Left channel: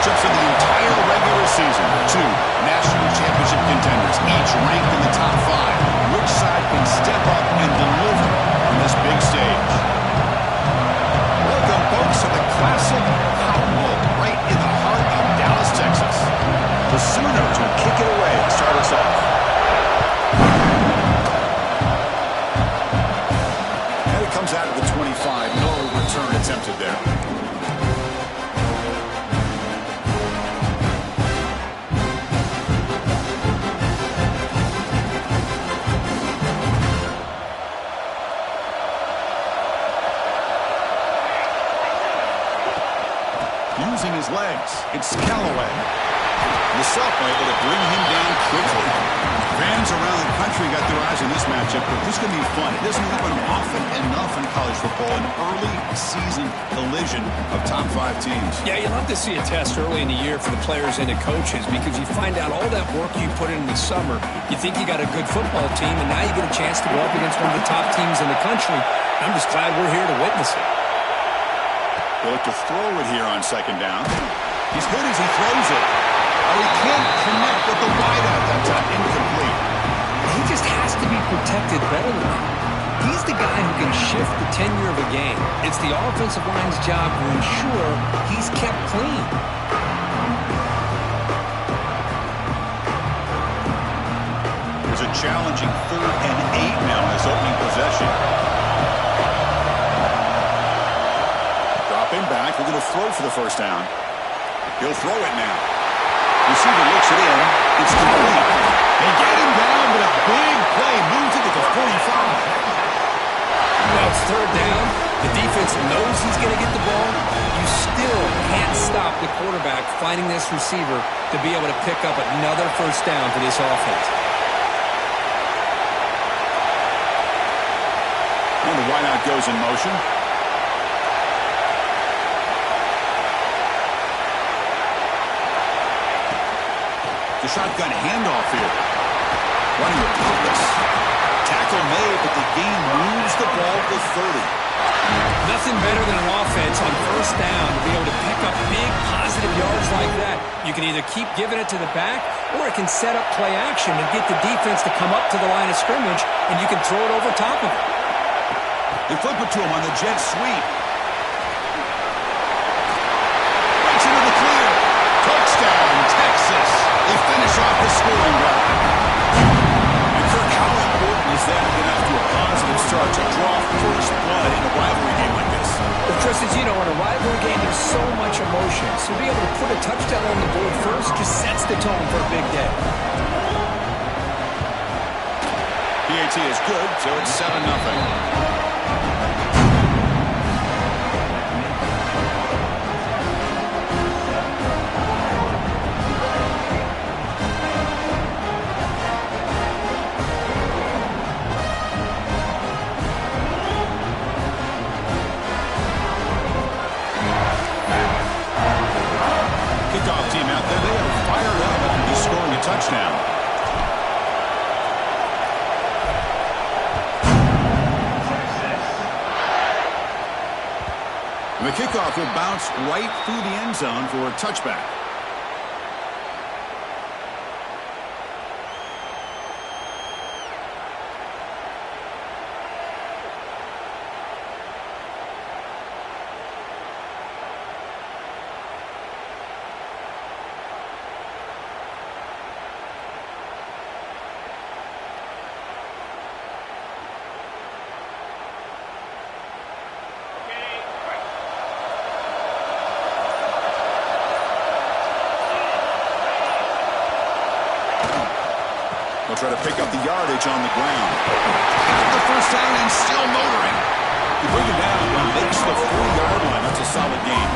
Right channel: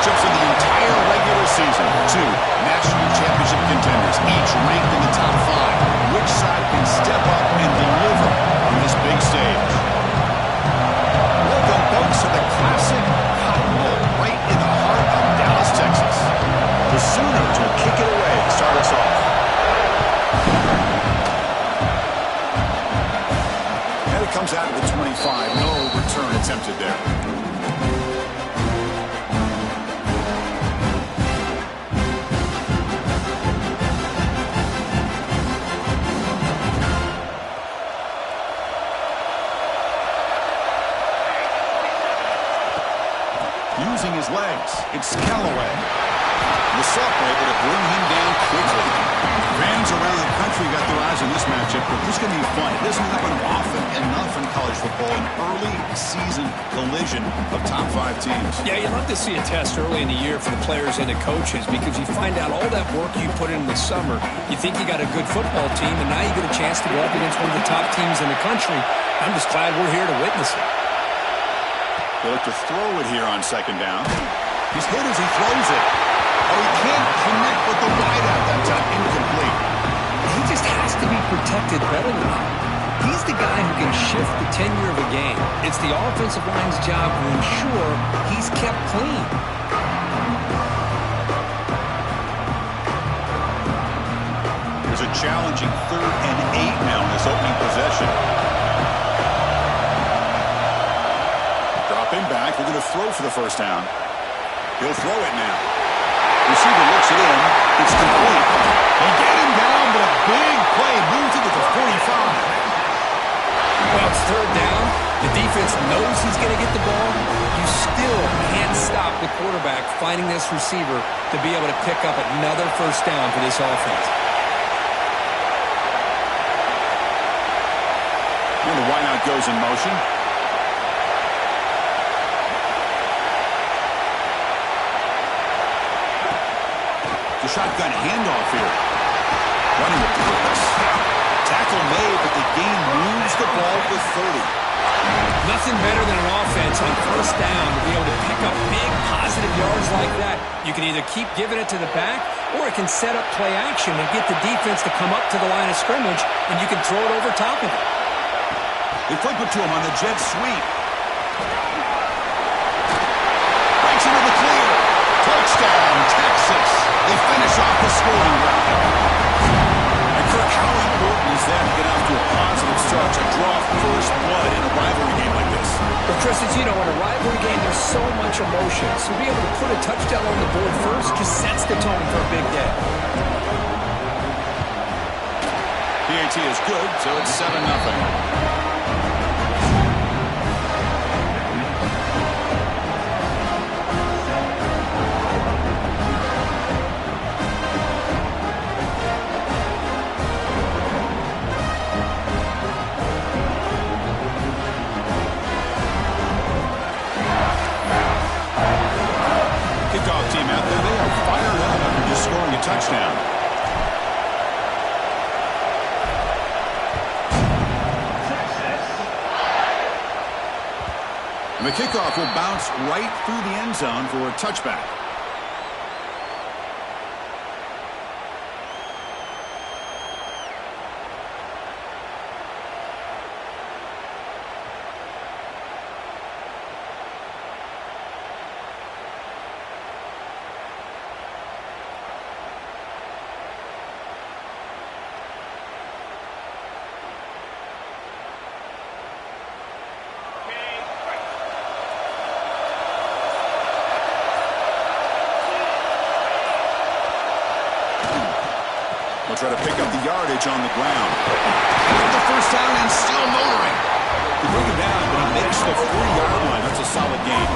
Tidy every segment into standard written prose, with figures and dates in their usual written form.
matchups of the entire regular season. Two national championship contenders, each ranked in the top 5. Which side can step up and deliver on this big stage? Welcome, folks, to the classic Cotton Bowl, right in the heart of Dallas, Texas. The Sooners will kick it away to start us off. And it comes out of the 25. No return attempted there. Using his legs, it's Callaway. The sophomore able to bring him down quickly. Fans around the country got their eyes on this matchup, but this is going to be fun. It doesn't happen often enough in college football, an early season collision of top 5 teams. Yeah, you love to see a test early in the year for the players and the coaches because you find out all that work you put in the summer. You think you got a good football team, and now you get a chance to go up against one of the top teams in the country. I'm just glad we're here to witness it. They look to throw it here on second down. He's hit as he throws it. Oh, he can't connect with the wideout that time. Incomplete. He just has to be protected better than that. He's the guy who can shift the tenure of a game. It's the offensive line's job to ensure he's kept clean. There's a challenging 3rd and 8 now in this opening possession. Dropping back. We're going to throw for the first down. He'll throw it now. Receiver looks it in. It's complete. They get him down, but a big play moves it to the 45. Well, it's 3rd down. The defense knows he's going to get the ball. You still can't stop the quarterback finding this receiver to be able to pick up another first down for this offense. And the wideout goes in motion. The shotgun handoff here. Running with purpose. Tackle made, but the gain moves the ball to 30. Nothing better than an offense on first down to be able to pick up big positive yards like that. You can either keep giving it to the back, or it can set up play action and get the defense to come up to the line of scrimmage, and you can throw it over top of it. They flip it to him on the jet sweep. Breaks into the clear. Touchdown, Texas. They finish off the scoring drive. And Kirk, how important is that to get off to a positive start, to draw first blood in a rivalry game like this? Well, Chris, as you know, in a rivalry game, there's so much emotion. So to be able to put a touchdown on the board first just sets the tone for a big day. PAT is good, so it's 7-0. Kickoff team out there, they are fired up after just scoring a touchdown. And the kickoff will bounce right through the end zone for a touchback. They'll try to pick up the yardage on the ground. Got the first down and still motoring. They bring him down, but he makes the 40-yard line. That's a solid gain.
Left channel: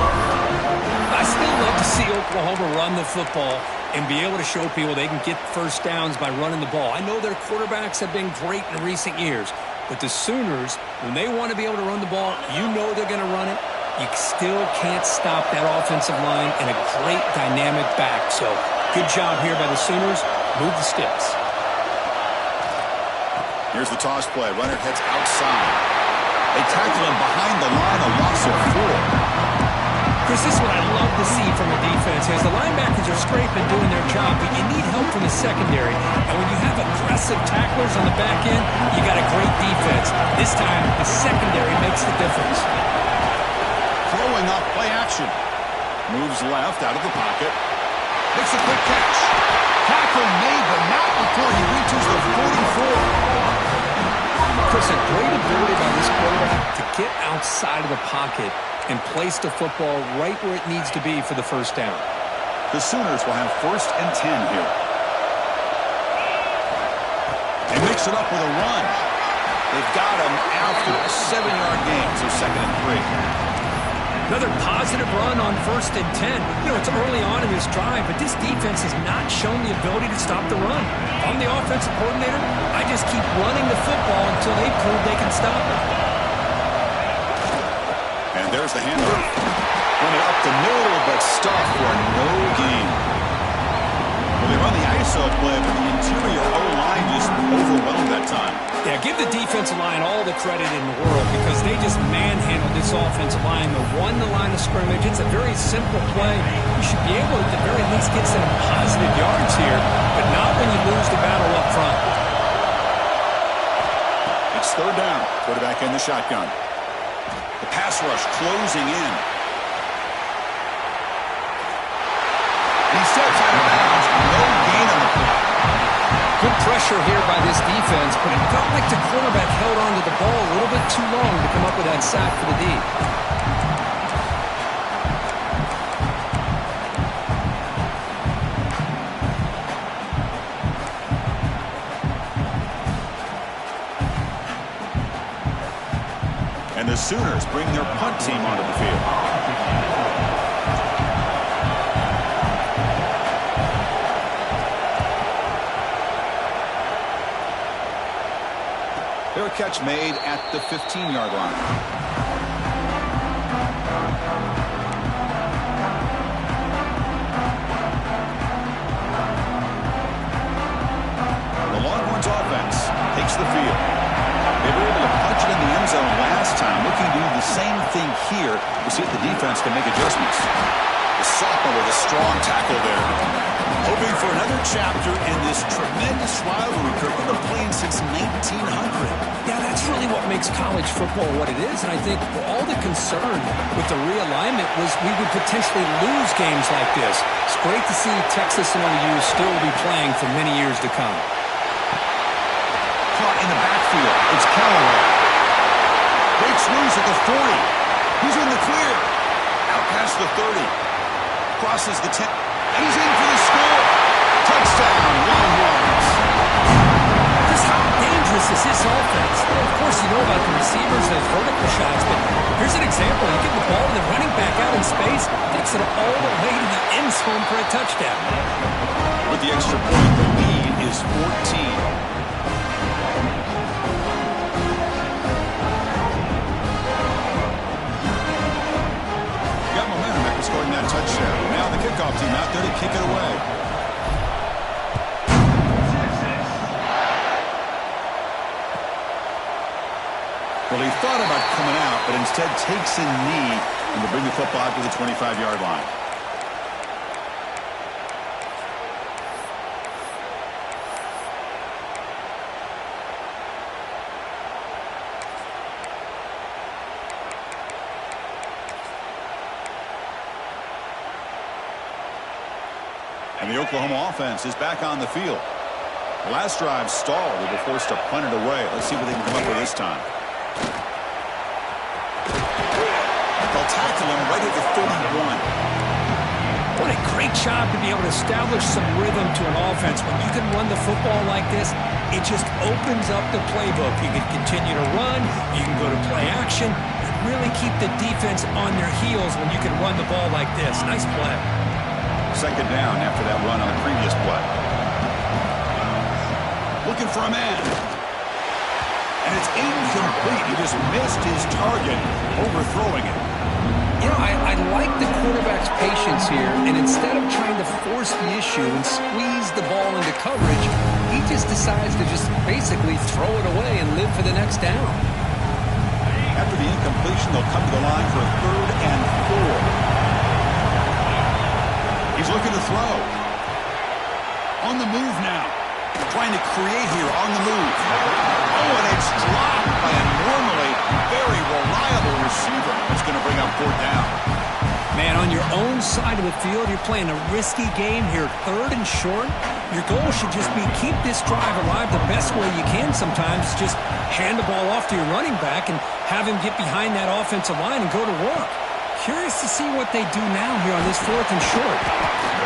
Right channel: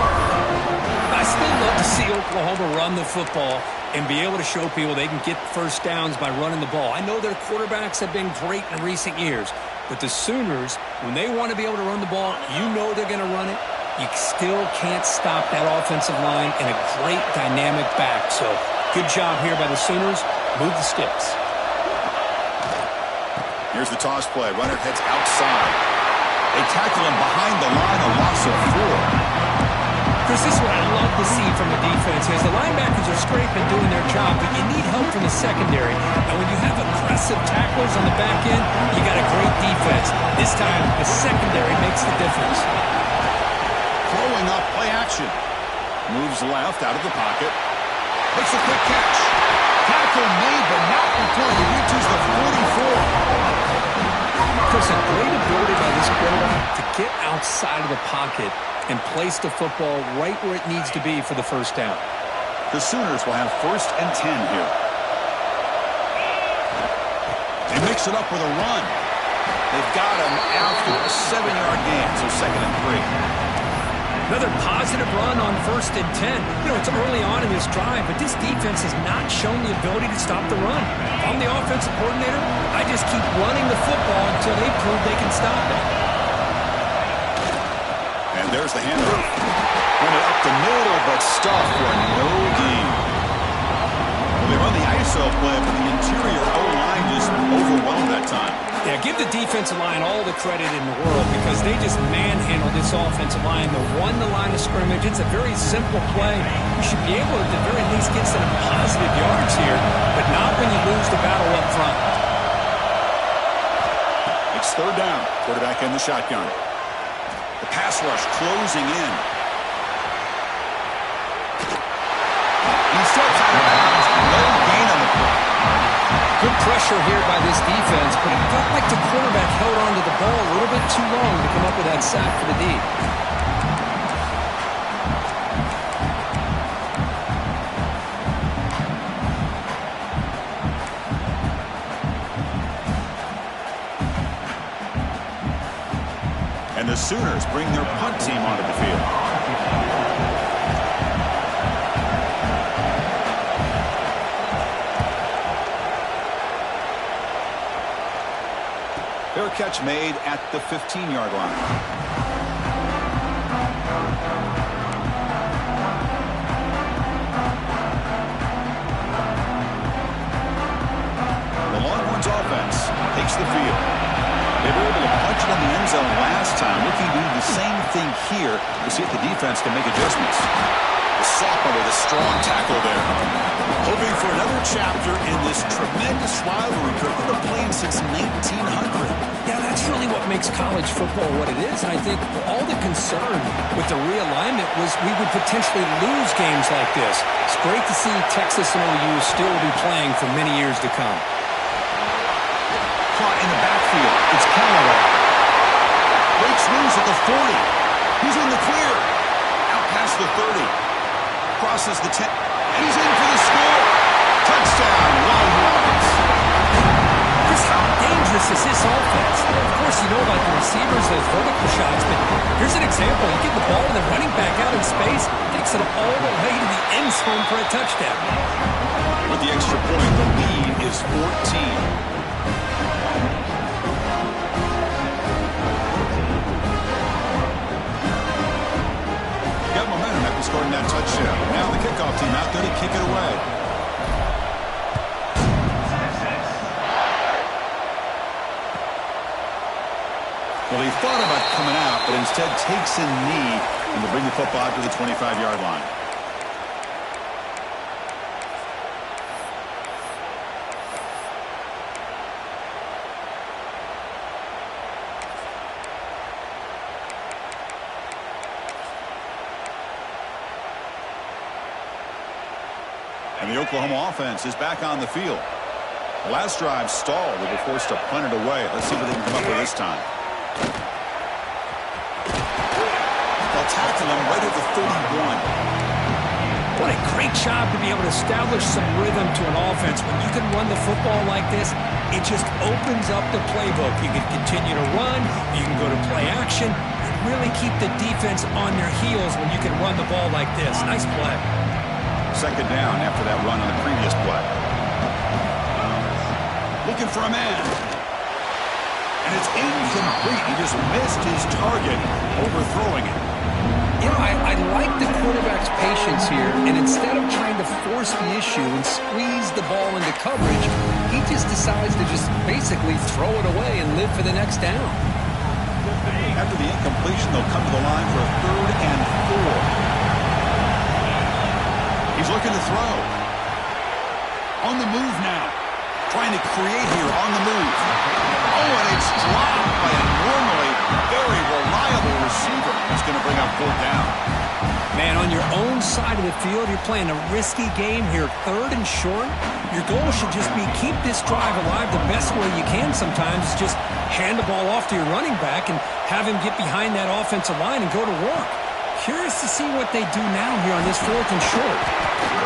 I still love to see Oklahoma run the football and be able to show people they can get first downs by running the ball. I know their quarterbacks have been great in recent years, but the Sooners, when they want to be able to run the ball, you know they're going to run it. You still can't stop that offensive line and a great dynamic back. So good job here by the Sooners. Move the sticks. Here's the toss play. Runner heads outside. They tackle him behind the line, a loss of 4. Chris, this is what I love to see from a defense is the linebackers are scraping, doing their job, but you need help from the secondary. And when you have aggressive tacklers on the back end, you got a great defense. This time, the secondary makes the difference. Throwing off play action. Moves left out of the pocket. Makes a quick catch. Tackle made, but not before he reaches the 44. Chris, a great ability by this quarterback to get outside of the pocket and place the football right where it needs to be for the first down. The Sooners will have 1st and 10 here. They mix it up with a run. They've got him after a 7-yard gain, so 2nd and 3. Another positive run on 1st and 10. You know, it's early on in this drive, but this defense has not shown the ability to stop the run. If I'm the offensive coordinator, I just keep running the football until they prove they can stop it. And there's the handoff. Run it up the middle, but stuffed for no gain. Well, they run the ISO play, but the interior O-line just overwhelmed that time. Yeah, give the defensive line all the credit in the world because they just manhandled this offensive line. They won the line of scrimmage. It's a very simple play. You should be able to, at the very least, get some positive yards here, but not when you lose the battle up front. It's 3rd down. Quarterback in the shotgun. The pass rush closing in. He steps out of bounds. No gain on the play. Good pressure here by this defense, but it felt like the quarterback held on to the ball a little bit too long to come up with that sack for the D. And the Sooners bring their punt team onto the field. Fair catch made at the 15-yard line. The Longhorns offense takes the field. They were able to punch it in the end zone last time. Looking to do the same thing here to see if the defense can make adjustments. The sophomore with a strong tackle there. Hoping for another chapter in this tremendous rivalry. They've been playing since 1900. Yeah, that's really what makes college football what it is. And I think all the concern with the realignment was we would potentially lose games like this. It's great to see Texas and OU still be playing for many years to come. Caught in the backfield. It's Callaway. Breaks loose at the 40. He's in the clear. Out past the 30. Crosses the 10. And he's in for the score. Touchdown, Longhorns. Chris, how dangerous is this offense? Of course, you know about the receivers, those vertical shots, but here's an example. You get the ball and the running back out in space, takes it all the way to the end zone for a touchdown. With the extra point, the lead is 14. Got momentum after scoring that touchdown. Now the kickoff team out there to kick it away. Well, he thought about coming out, but instead takes a knee and will bring the football out to the 25-yard line. And the Oklahoma offense is back on the field. The last drive stalled. They were forced to punt it away. Let's see what they can come up with this time. They'll tackle him right at the 31. What a great job to be able to establish some rhythm to an offense. When you can run the football like this, it just opens up the playbook. You can continue to run. You can go to play action. And really keep the defense on their heels when you can run the ball like this. Nice play. 2nd down after that run on the previous play. Looking for a man. And it's incomplete. He just missed his target, overthrowing it. You know, I like the quarterback's patience here, and instead of trying to force the issue and squeeze the ball into coverage, he just decides to just basically throw it away and live for the next down. After the incompletion, they'll come to the line for a 3rd and 4. He's looking to throw. On the move now. Trying to create here on the move. Oh, and it's dropped by a normally very reliable receiver. That's going to bring up 4th down. Man, on your own side of the field, you're playing a risky game here, 3rd and short. Your goal should just be keep this drive alive the best way you can sometimes. Just hand the ball off to your running back and have him get behind that offensive line and go to work. Curious to see what they do now here on this 4th and short.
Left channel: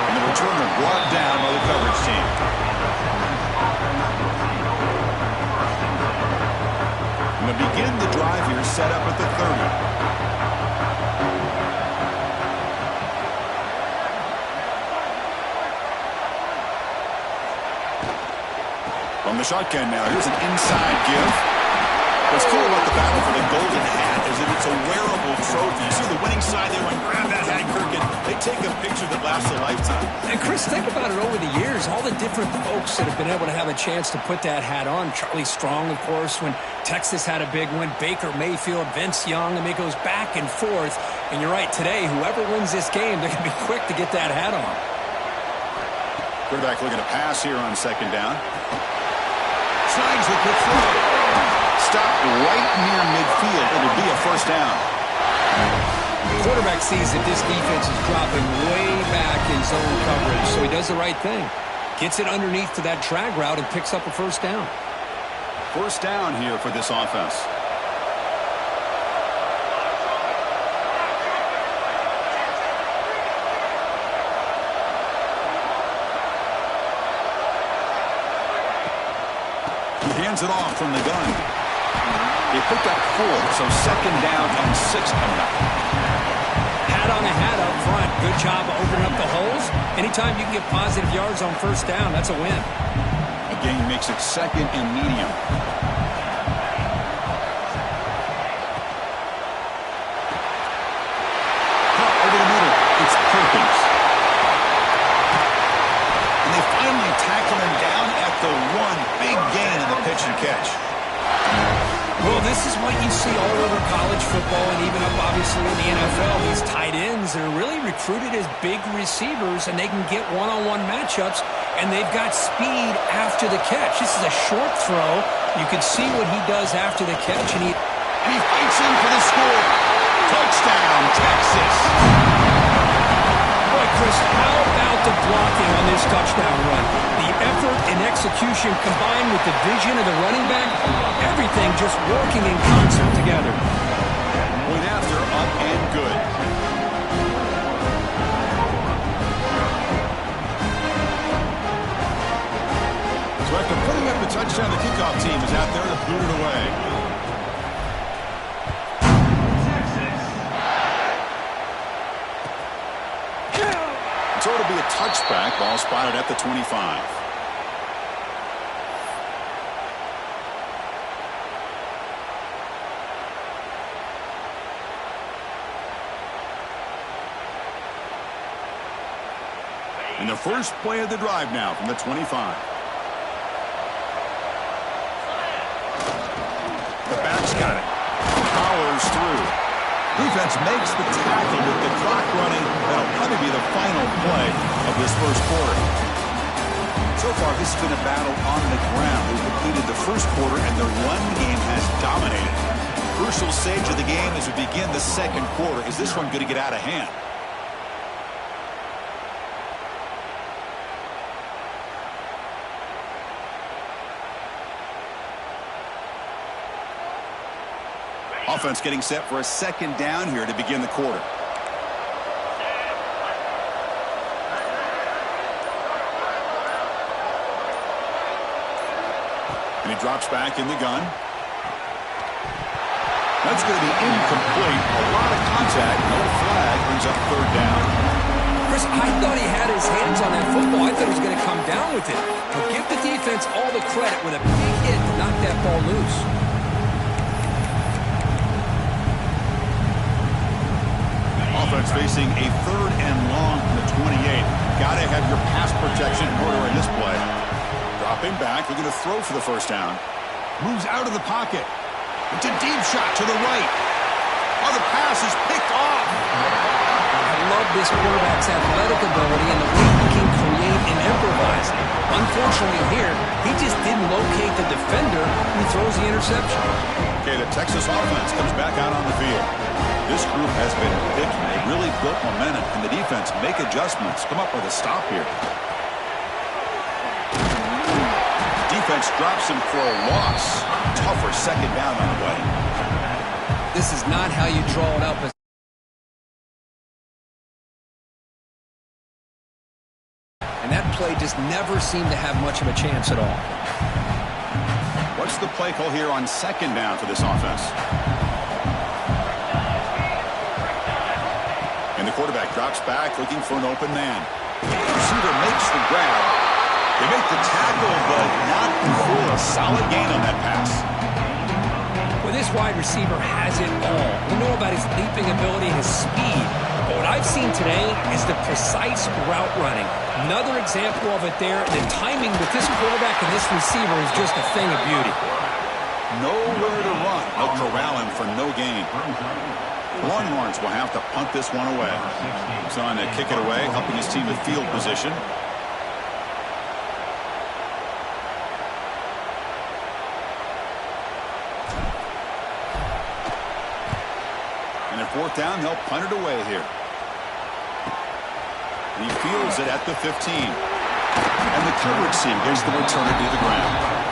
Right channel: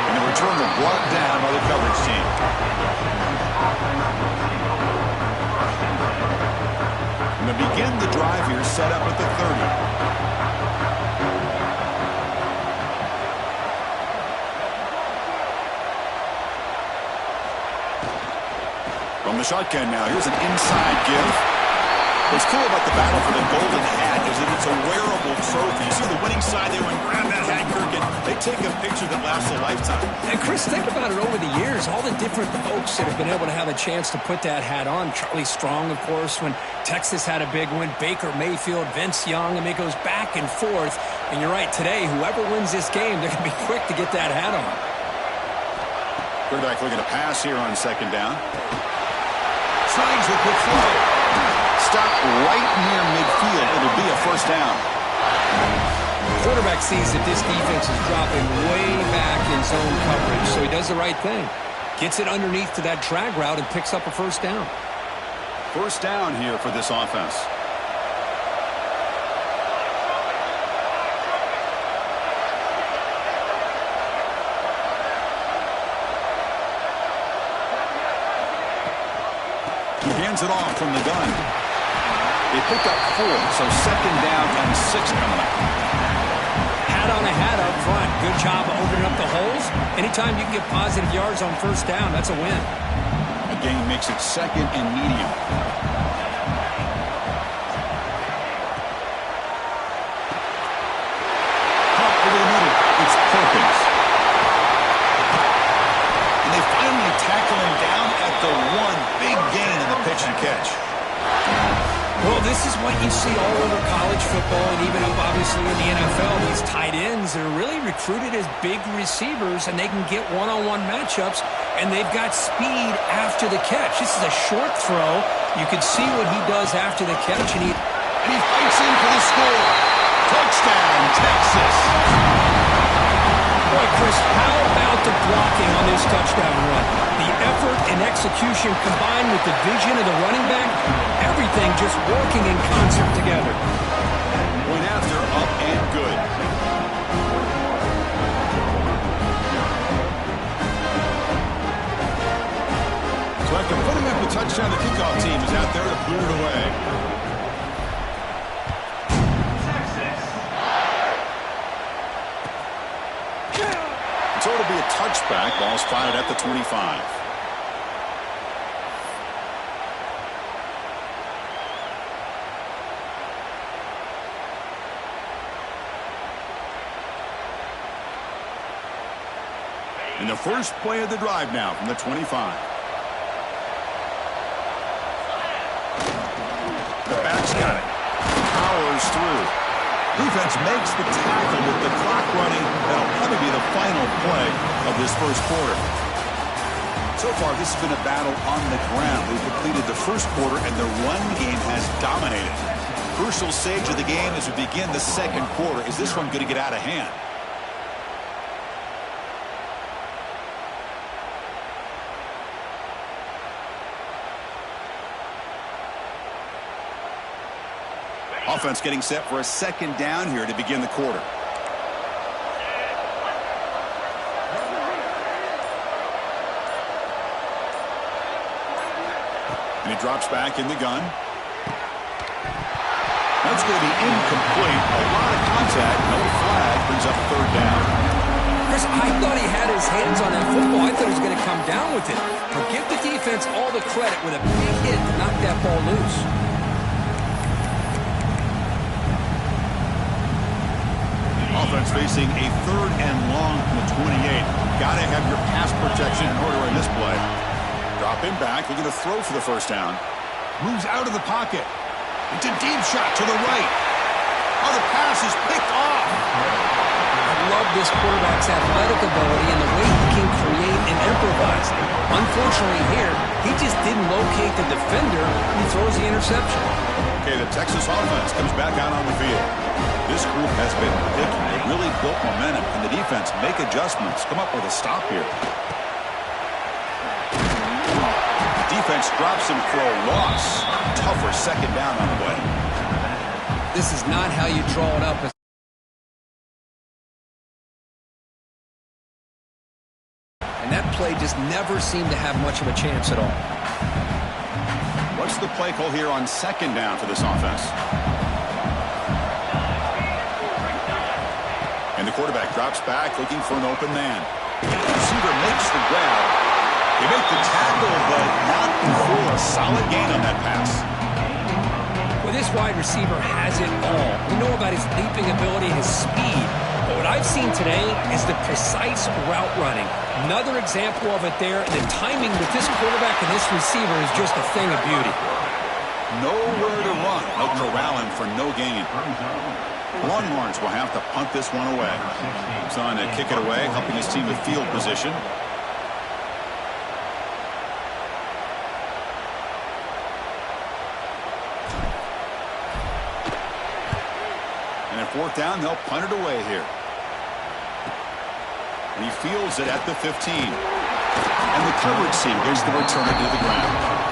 And the returner brought down by the coverage team. And to begin the drive here, set up at the 30. From the shotgun now, here's an inside give. What's cool about the battle for the golden hat is that it's a wearable trophy. You see the winning side there, when grab that hat, Kirk, and they take a picture that lasts a lifetime. And Chris, think about it over the years, all the different folks that have been able to have a chance to put that hat on. Charlie Strong, of course, when Texas had a big win. Baker Mayfield, Vince Young. I mean, it goes back and forth. And you're right, today, whoever wins this game, they're going to be quick to get that hat on. Quarterback looking to pass here on 2nd down. Snides the quick throw. Stop right near midfield. It'll be a 1st down. Quarterback sees that this defense is dropping way back in zone coverage, so he does the right thing. Gets it underneath to that drag route and picks up a 1st down. 1st down here for this offense. He hands it off from the gun. They picked up 4, so 2nd down and 6 coming up. Hat on a hat up front. Good job of opening up the holes. Anytime you can get positive yards on 1st down, that's a win. Again, makes it 2nd and medium. Pop over the middle. It's Perkins. And they finally tackle him down at the 1. Big gain in the pitch and catch. Well, this is what you see all over college football and even up, obviously, in the NFL. These tight ends that are really recruited as big receivers, and they can get one-on-one matchups, and they've got speed after the catch. This is a short throw. You can see what he does after the catch, and he fights in for the score. Touchdown, Texas. Boy, Chris, how about the blocking on this touchdown run? The effort and execution combined with the vision of the running back, everything just working in concert together. Point after, up and good. So after putting up the touchdown, the kickoff team is out there to boot it away. So it'll be a touchback. Ball spotted at the 25. And the first play of the drive now from the 25. The back's got it. Powers through. Defense makes the tackle with the clock running. That'll probably be the final play of this first quarter. So far, this has been a battle on the ground. They've completed the first quarter, and the run game has dominated. Crucial stage of the game as we begin the second quarter. Is this one going to get out of hand? Offense getting set for a 2nd down here to begin the quarter. And he drops back in the gun. That's going to be incomplete. A lot of contact. No flag. Brings up 3rd down. Chris, I thought he had his hands on that football. I thought he was going to come down with it. But give the defense all the credit with a big hit to knock that ball loose. Offense facing a 3rd and long from the 28. Got to have your pass protection in order in this play. Dropping back, looking to throw for the 1st down. Moves out of the pocket. It's a deep shot to the right. Oh, the pass is picked off. love this quarterback's athletic ability and the way he can create and improvise. Unfortunately here, he just didn't locate the defender who throws the interception. Okay, the Texas offense comes back out on the field. This group has been picky. They really built momentum, and the defense make adjustments. Come up with a stop here. Defense drops him for a loss. Tougher second down on the way. This is not how you draw it up. And that play just never seemed to have much of a chance at all. What's the play call here on second down for this offense? And the quarterback drops back looking for an open man. Receiver makes the grab. They make the tackle, but not before a solid gain on that pass. Well, this wide receiver has it all. We know about his leaping ability and his speed. But what I've seen today is the precise route running. Another example of it there. The timing with this quarterback and this receiver is just a thing of beauty. Nowhere to run. They'll corral him for no gain. Longhorns will have to punt this one away. He's on to kick it away, helping his team with field position. And at fourth down, they'll punt it away here. And he fields it at the 15. And the coverage team gets the returner to the ground.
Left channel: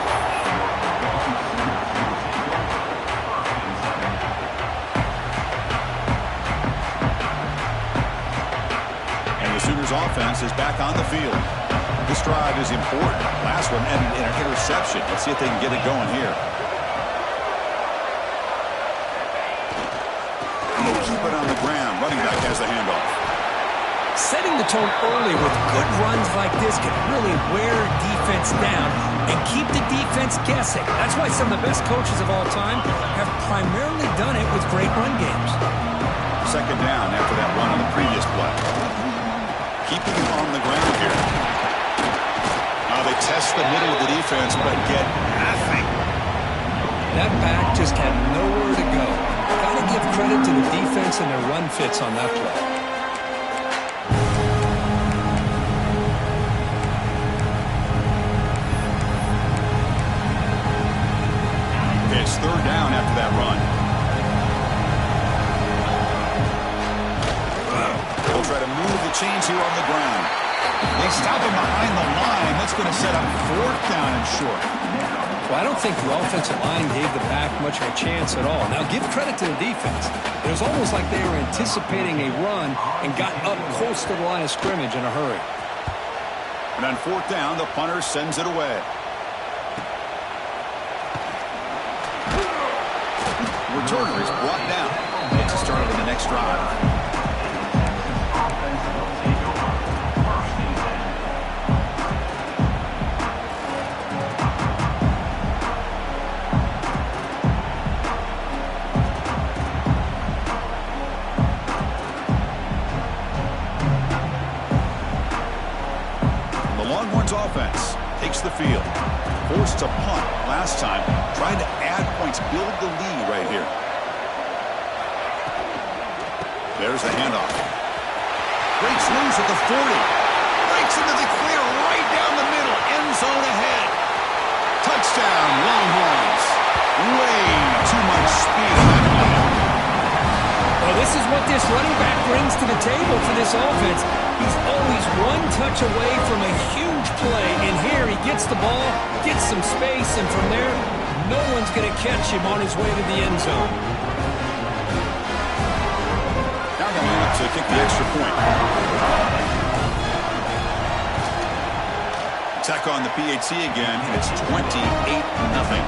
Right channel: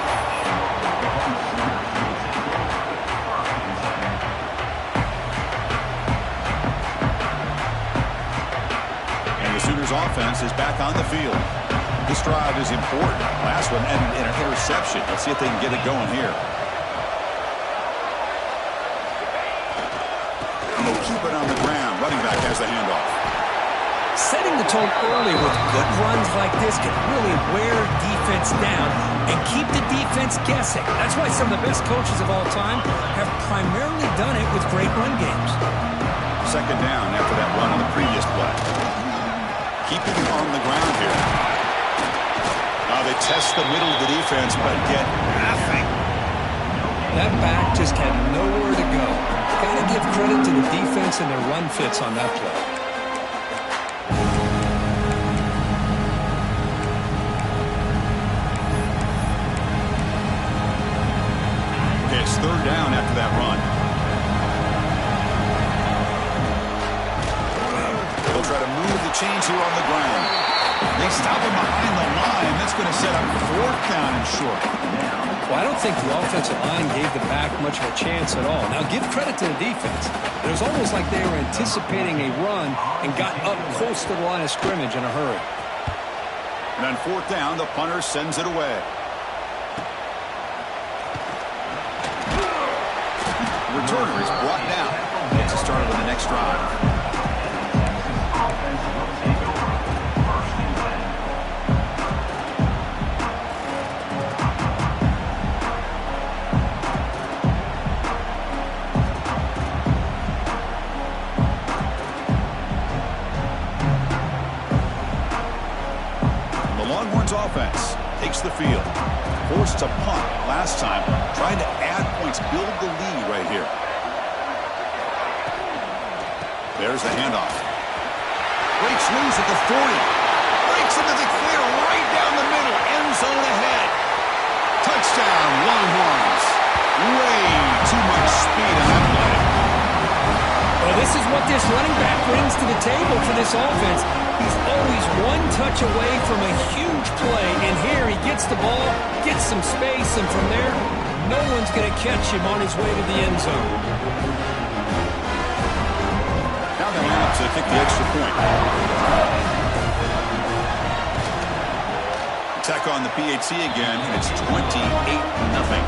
Sooners offense is back on the field. This drive is important. Last one ended in an interception. Let's see if they can get it going here. And they'll keep it on the ground. Running back has the handoff. Setting the tone early with good runs like this can really wear defense down and keep the defense guessing. That's why some of the best coaches of all time have primarily done it with great run games. Second down after that run on the previous play. Keeping it on the ground here. Now they test the middle of the defense, but get nothing. That back just had nowhere to go. Got to give credit to the defense and their run fits on that play. Okay, it's third down after that run. They'll try to move the chains here on the ground. They stop him behind the line. That's going to set up fourth down and short. Well, I don't think the offensive line gave the back much of a chance at all. Now, give credit to the defense. It was almost like they were anticipating a run and got up close to the line of scrimmage in a hurry. And on fourth down, the punter sends it away. Returner is brought down. Gets it started on the next drive. Offense takes the field. Forced to punt last time. Trying to add points, build the lead right here. There's the handoff. Breaks loose at the 40. Breaks into the clear right down the middle. End zone ahead. Touchdown, Longhorns. Way too much speed on that play. Well, this is what this running back brings to the table for this offense. He's always one touch away from a huge play, and here he gets the ball, gets some space, and from there, no one's going to catch him on his way to the end zone. Now they line up to kick the extra point. Attack on the PAT again, and it's 28-0.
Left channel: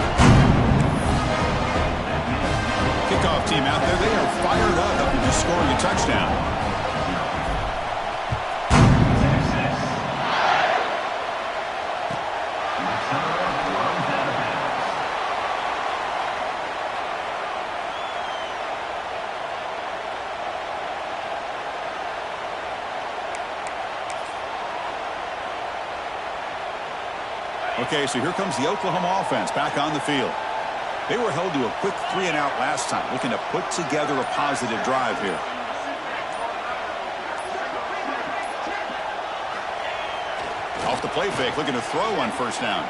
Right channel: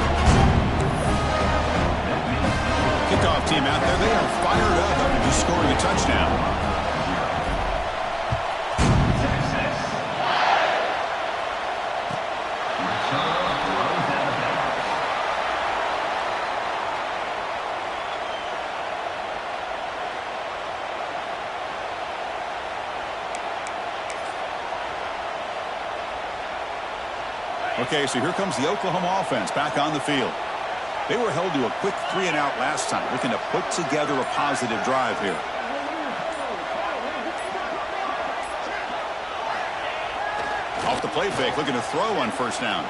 Kickoff team out there, they are fired up after just scoring a touchdown. Okay, so here comes the Oklahoma offense back on the field. They were held to a quick 3-and-out last time, looking to put together a positive drive here. Off the play fake, looking to throw on first down.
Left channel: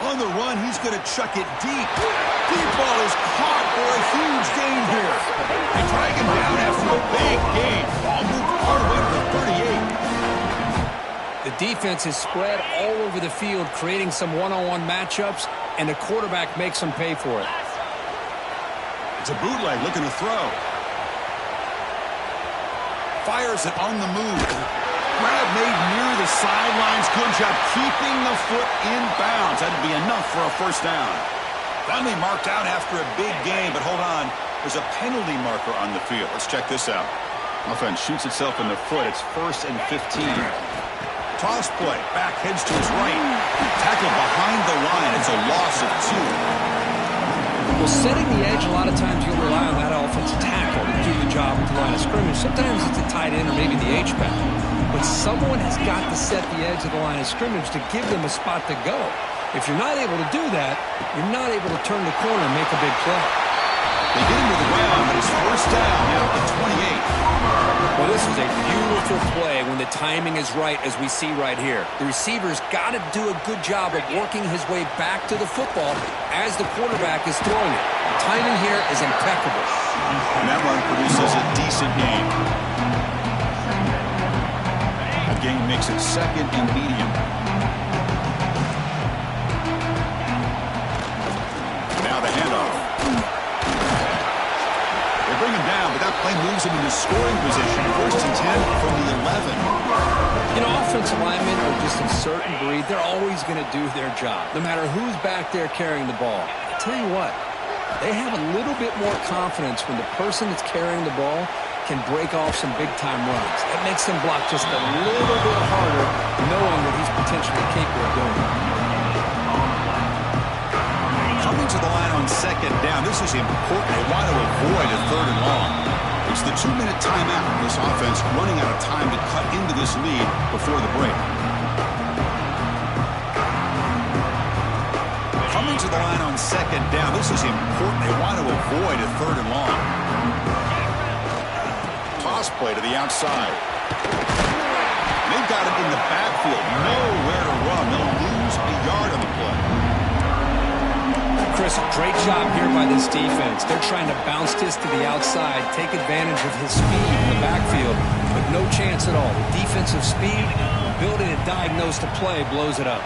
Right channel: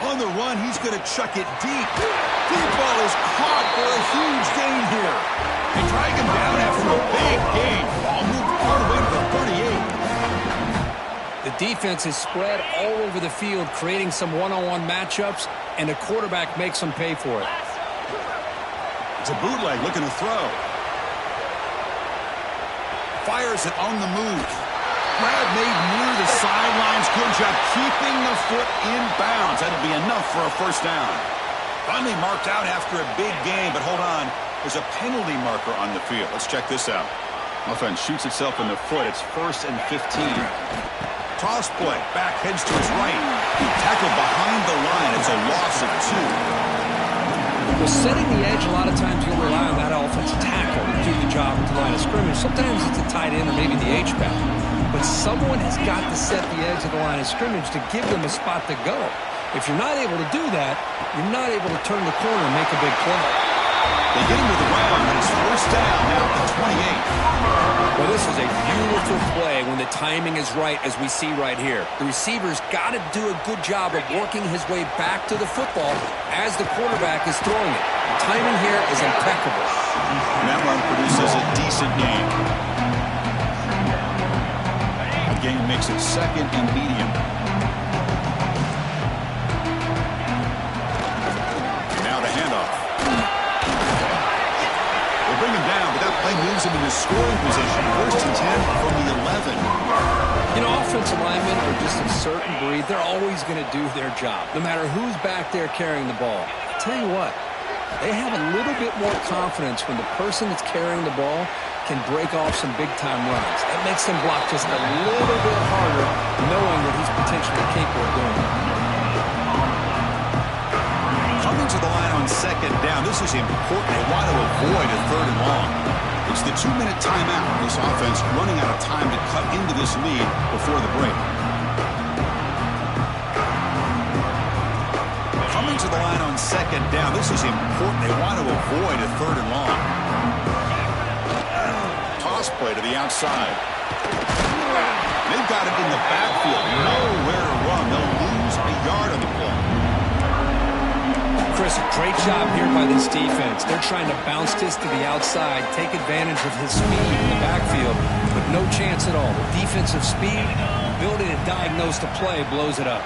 On the run, he's going to chuck it deep. Deep ball is caught for a huge gain here. They drag him down after a big gain. Ball moved all the way to the 38. The defense is spread all over the field, creating some one-on-one matchups, and the quarterback makes them pay for it. It's a bootleg looking to throw. Fires it on the move. Grab made near the sidelines. Good job keeping the foot in bounds. That'd be enough for a first down. Finally marked out after a big game, but hold on. There's a penalty marker on the field. Let's check this out. Offense shoots itself in the foot. It's 1st and 15. Toss play. Back heads to his right. Tackle behind the line. It's a loss of 2. Well, setting the edge, a lot of times you'll rely on that offensive tackle to do the job at the line of scrimmage. Sometimes it's a tight end or maybe the H-back. But someone has got to set the edge of the line of scrimmage to give them a spot to go. If you're not able to do that, you're not able to turn the corner and make a big play. They get him to the ground, but it's first down now at the 28. Well, this was a beautiful play when the timing is right, as we see right here. The receiver's got to do a good job of working his way back to the football as the quarterback is throwing it. The timing here is impeccable. And that run produces a decent gain. A gain makes it 2nd and medium. Now the handoff. They bring him down, but that play moves him into scoring position. 1st and 10 from the 11. You know, offensive linemen are just a certain breed. They're always going to do their job, no matter who's back there carrying the ball. I'll tell you what, they have a little bit more confidence when the person that's carrying the ball can break off some big-time runs. That makes them block just a little bit harder, knowing that he's potentially capable of doing it. Coming to the line on 2nd down, this is important. They want to avoid a 3rd and long. It's the 2-minute timeout. This offense running out of time to cut into this lead before the break. Coming to the line on 2nd down, this is important. They want to avoid a 3rd and long. Toss play to the outside. They've got it in the backfield. Nowhere to run. They'll lose a yard on the play. Chris, great job here by this defense. They're trying to bounce this to the outside, take advantage of his speed in the backfield, but no chance at all. The defensive speed, ability to diagnose the play, blows it up.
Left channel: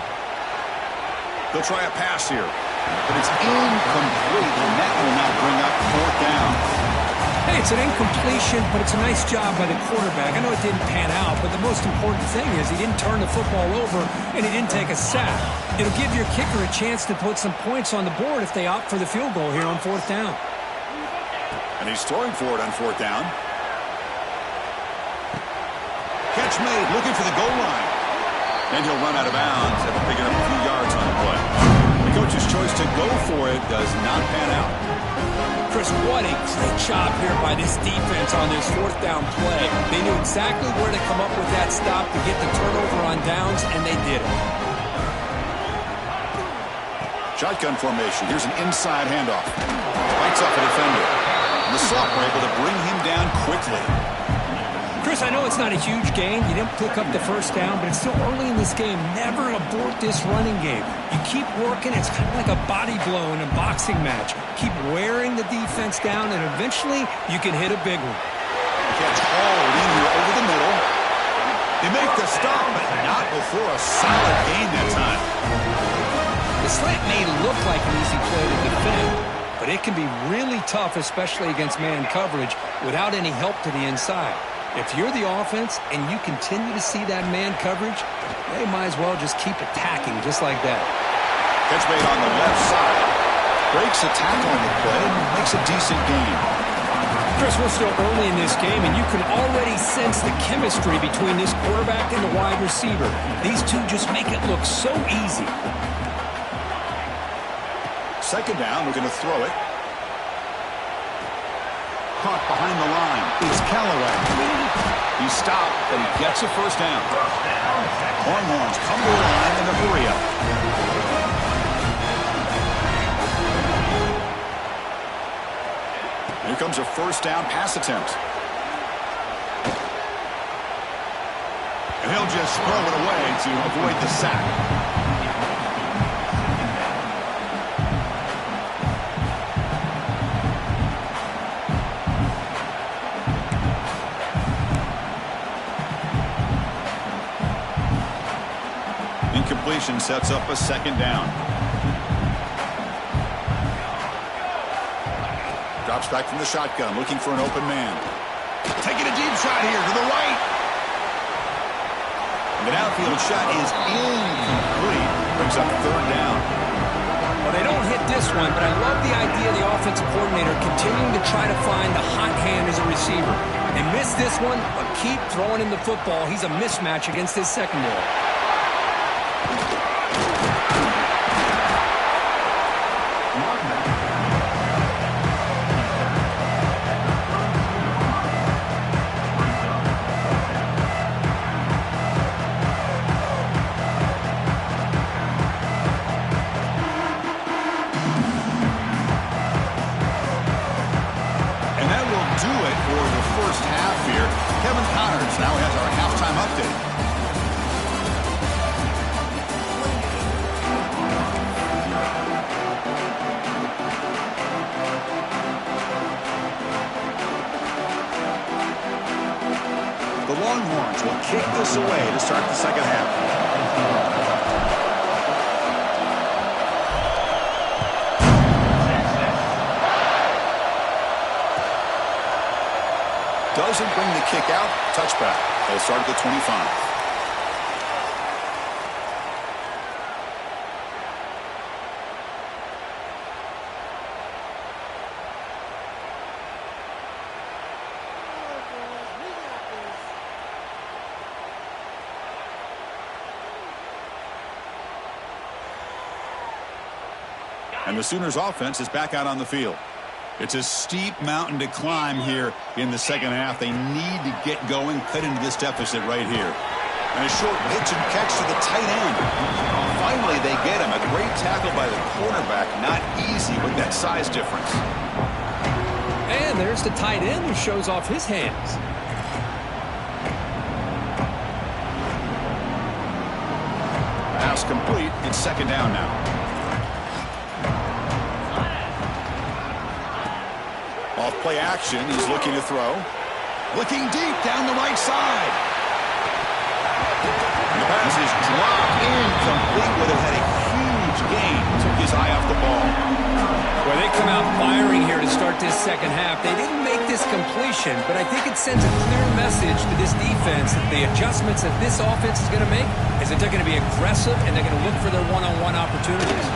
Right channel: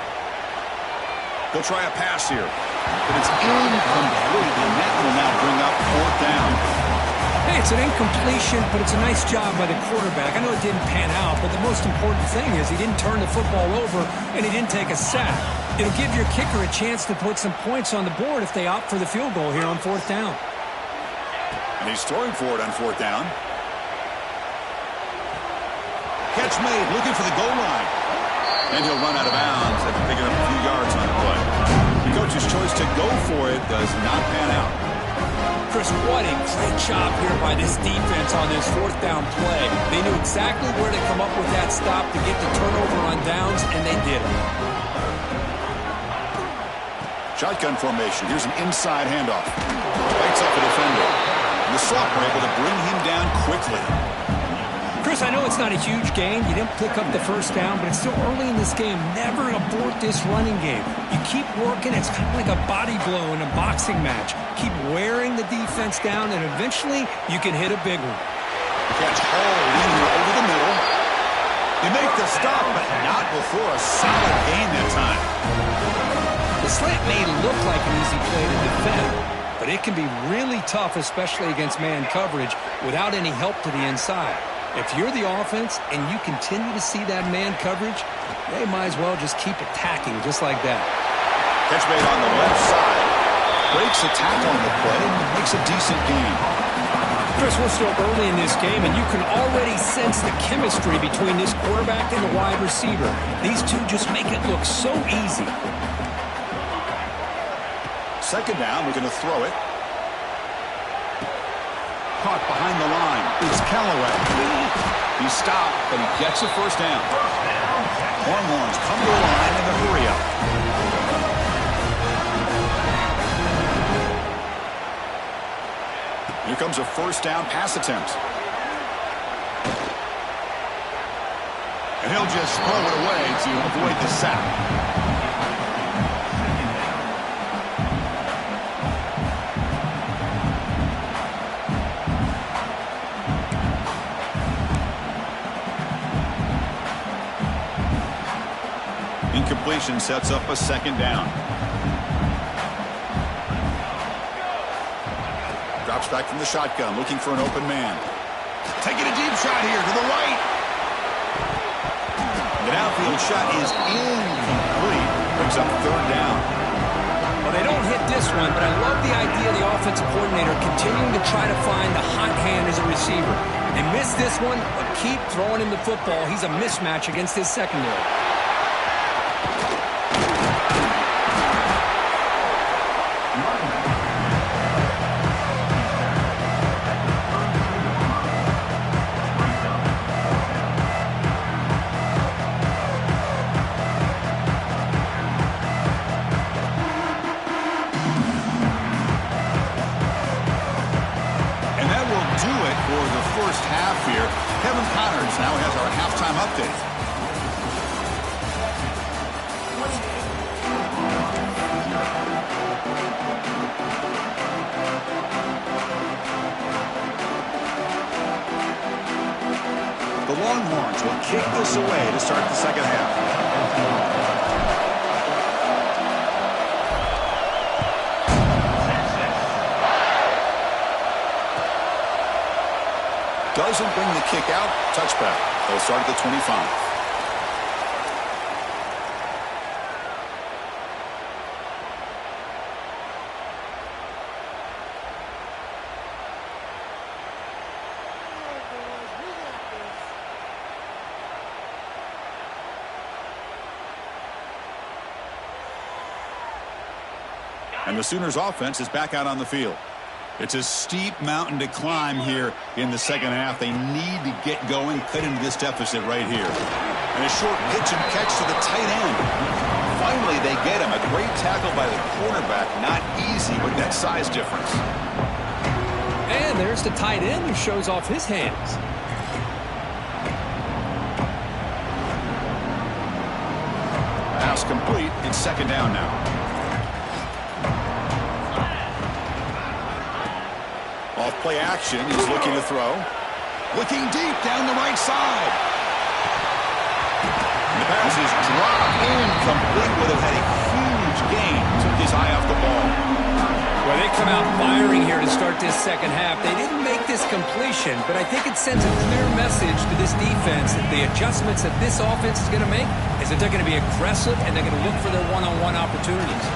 They'll try a pass here, but it's incomplete, and that will now bring up 4th down. Hey, it's an incompletion, but it's a nice job by the quarterback. I know it didn't pan out, but the most important thing is he didn't turn the football over and he didn't take a sack. It'll give your kicker a chance to put some points on the board if they opt for the field goal here on 4th down. And he's throwing for it on 4th down. Catch made, looking for the goal line. And he'll run out of bounds after picking up a few yards on the play. The coach's choice to go for it does not pan out. Chris, what a great job here by this defense on this 4th down play. They knew exactly where to come up with that stop to get the turnover on downs, and they did it. Shotgun formation. Here's an inside handoff. Bites off a defender. And the Soft were able to bring him down quickly. Chris, I know it's not a huge gain. You didn't pick up the first down, but it's still early in this game. Never abort this running game. You keep working. It's kind of like a body blow in a boxing match. Keep wearing the defense down, and eventually you can hit a big one. The catch hauled in here over the middle. They make the stop, but not before a solid gain that time. The slant may look like an easy play to defend, but it can be really tough, especially against man coverage, without any help to the inside. If you're the offense and you continue to see that man coverage, they might as well just keep attacking just like that. Catch made on the left side. Breaks the tackle on the play and makes a decent gain. Chris, we're still early in this game, and you can already sense the chemistry between this quarterback and the wide receiver. These two just make it look so easy. 2nd down, we're going to throw it. Caught behind the line. It's Callaway. He's stopped, but he gets a first down. Longhorns come to the line in the hurry up. Here comes a first down pass attempt. And he'll just throw it away to avoid the sack. Incompletion sets up a second down. Drops back from the shotgun, looking for an open man. Taking a deep shot here to the right. The downfield shot is incomplete. Brings up third down. Well, they don't hit this one, but I love the idea of the offensive coordinator continuing to try to find the hot hand as a receiver. They missed this one, but keep throwing him the football. He's a mismatch against his secondary. Now has our halftime update. The Longhorns will kick this away to start the second half. Doesn't bring the kick out. Touchback. They'll start at the 25. And the Sooners offense is back out on the field. It's a steep mountain to climb here in the second half. They need to get going, cut into this deficit right here. And a short pitch and catch to the tight end. Finally, they get him. A great tackle by the quarterback. Not easy with that size difference. And there's the tight end who shows off his hands. Pass complete. It's second down now. Off play action, he's looking to throw. Looking deep down the right side. And the pass is dropped incomplete. Would have had a huge gain. Took his eye off the ball. Well, they come out firing here to start this second half. They didn't make this completion, but I think it sends a clear message to this defense that the adjustments that this offense is going to make is that they're going to be aggressive and they're going to look for their one-on-one opportunities.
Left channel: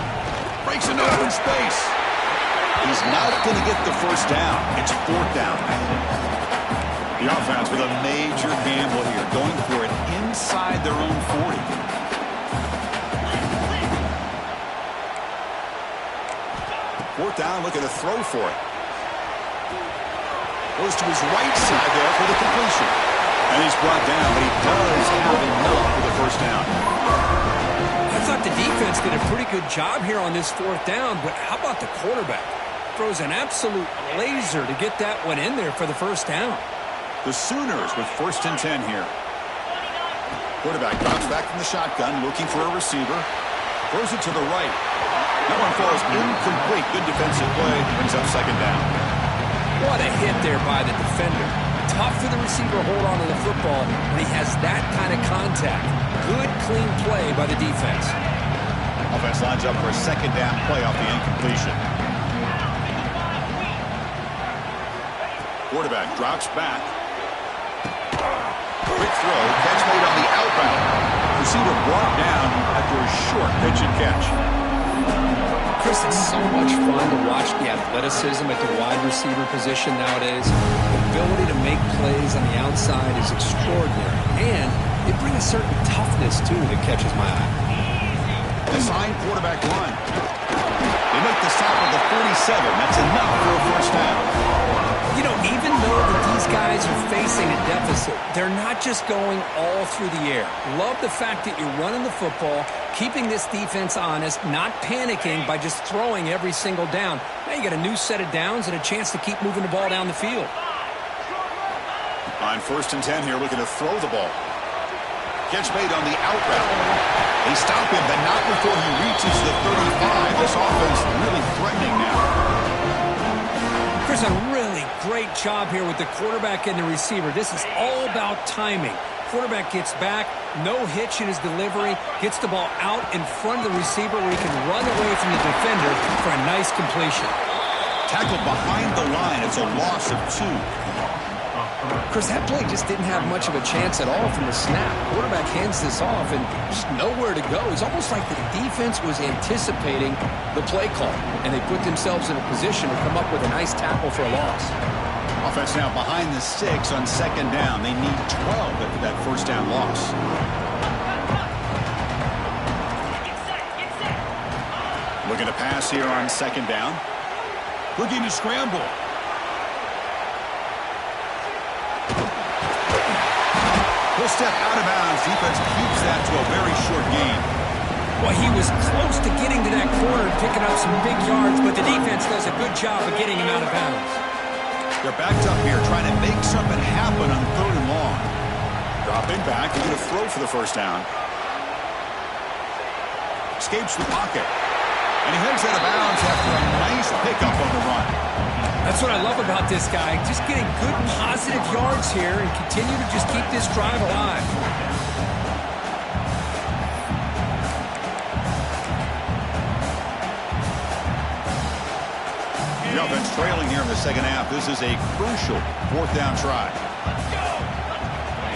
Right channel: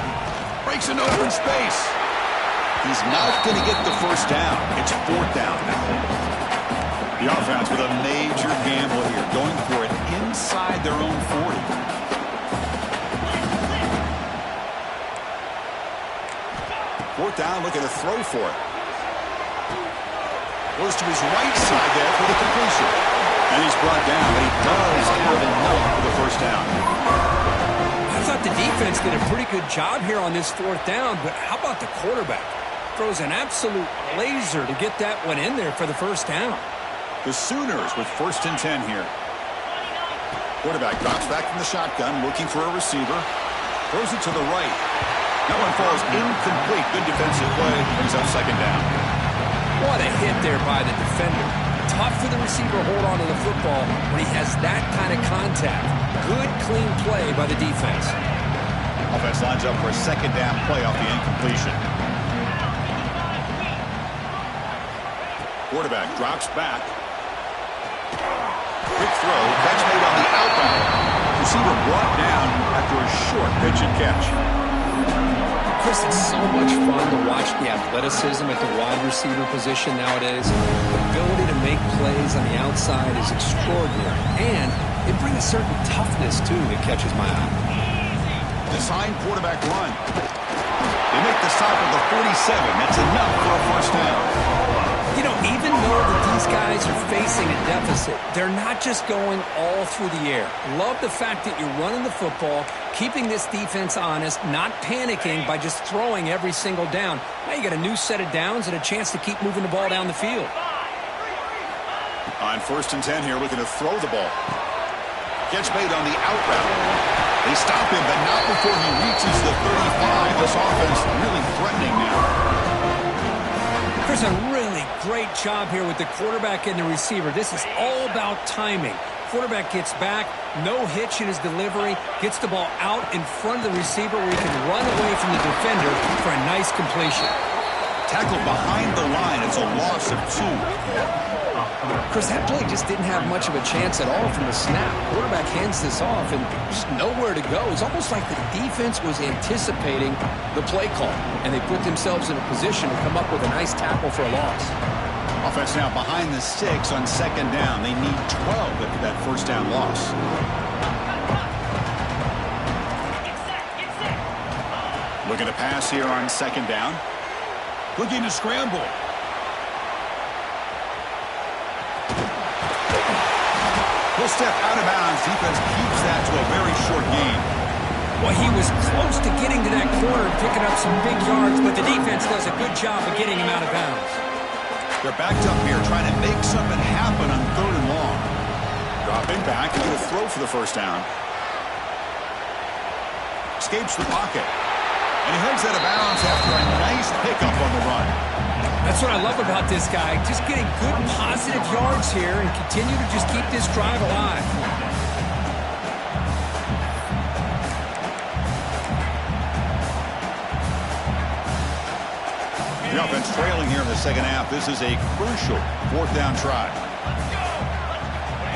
Breaks into open space. He's not going to get the first down. It's fourth down. The offense with a major gamble here, going for it inside their own 40. Fourth down, looking to throw for it. Goes to his right side there for the completion. And he's brought down, but he does have enough for the first down. I thought the defense did a pretty good job here on this fourth down, but how about the quarterback? Throws an absolute laser to get that one in there for the first down. The Sooners with 1st and 10 here. Quarterback drops back from the shotgun, looking for a receiver. Throws it to the right. That one falls incomplete. Good defensive play. Brings up second down. What a hit there by the defender. Tough for the receiver to hold on to the football when he has that kind of contact. Good, clean play by the defense. Offense lines up for a second down play off the incompletion. Quarterback drops back. Quick throw. Catch made on the out route. Receiver brought down after a short pitch and catch. Chris, it's so much fun to watch the athleticism at the wide receiver position nowadays. The ability to make plays on the outside is extraordinary. And they bring a certain toughness, too, that catches my eye. Design quarterback run. They make the stop at the 47. That's enough for a first down. You know, even though that these guys are facing a deficit, they're not just going all through the air. Love the fact that you're running the football, keeping this defense honest, not panicking by just throwing every single down. Now you got a new set of downs and a chance to keep moving the ball down the field. On 1st and 10 here, looking to throw the ball. Catch made on the out route. They stop him, but not before he reaches the 35. This offense really threatening now. Chris, a really great job here with the quarterback and the receiver. This is all about timing. Quarterback gets back, no hitch in his delivery, gets the ball out in front of the receiver where he can run away from the defender for a nice completion. Tackled behind the line. It's a loss of 2. Chris, that play just didn't have much of a chance at all from the snap. Quarterback hands this off and just nowhere to go. It's almost like the defense was anticipating the play call, and they put themselves in a position to come up with a nice tackle for a loss. Offense now behind the 6 on second down. They need 12 after that first down loss. Looking to pass here on second down. Looking to scramble. He'll step out of bounds. Defense keeps that to a very short gain. Well, he was close to getting to that corner and picking up some big yards, but the defense does a good job of getting him out of bounds. They're backed up here trying to make something happen on 3rd and long. Dropping back and going to throw for the first down. Escapes the pocket. And he heads out of bounds after a nice pickup on the run. That's what I love about this guy. Just getting good positive yards here and continue to just keep this drive alive. The offense trailing here in the second half. This is a crucial 4th down try.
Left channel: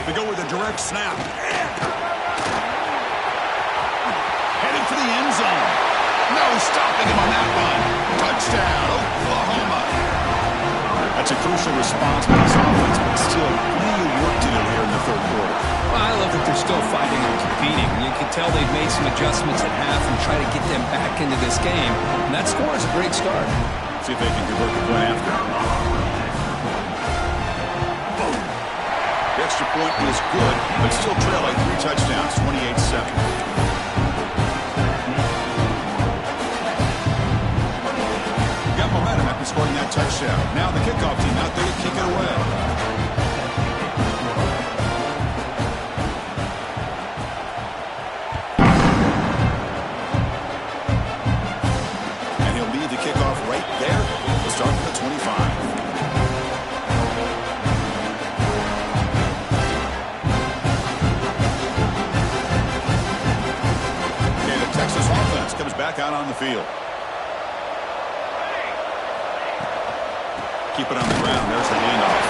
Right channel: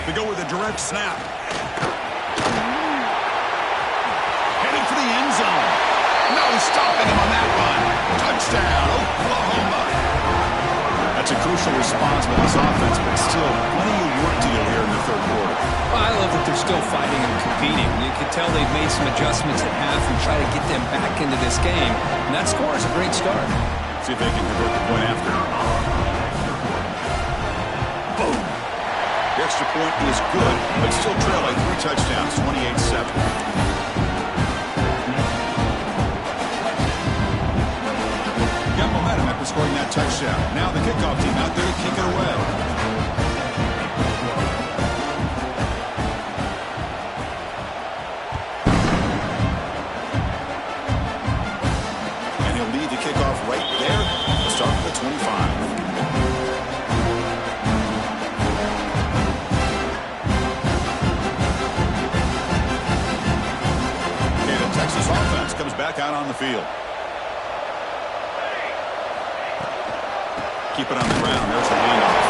They go with a direct snap. Heading for the end zone. No stopping him on that run. Touchdown, Oklahoma. That's a crucial response by this offense, but still plenty of work to do here in the 3rd quarter. Well, I love that they're still fighting and competing. You can tell they've made some adjustments at half and try to get them back into this game. And that score is a great start. See if they can convert the point after. Boom. The extra point is good, but still trail by 3 touchdowns, 28-7. Got momentum after scoring that touchdown. Now the kickoff team out there to kick it away. And he'll lead the kickoff right there to start from the 25. Okay, the Texas offense comes back out on the field. Keep it on the ground. There's the handoff.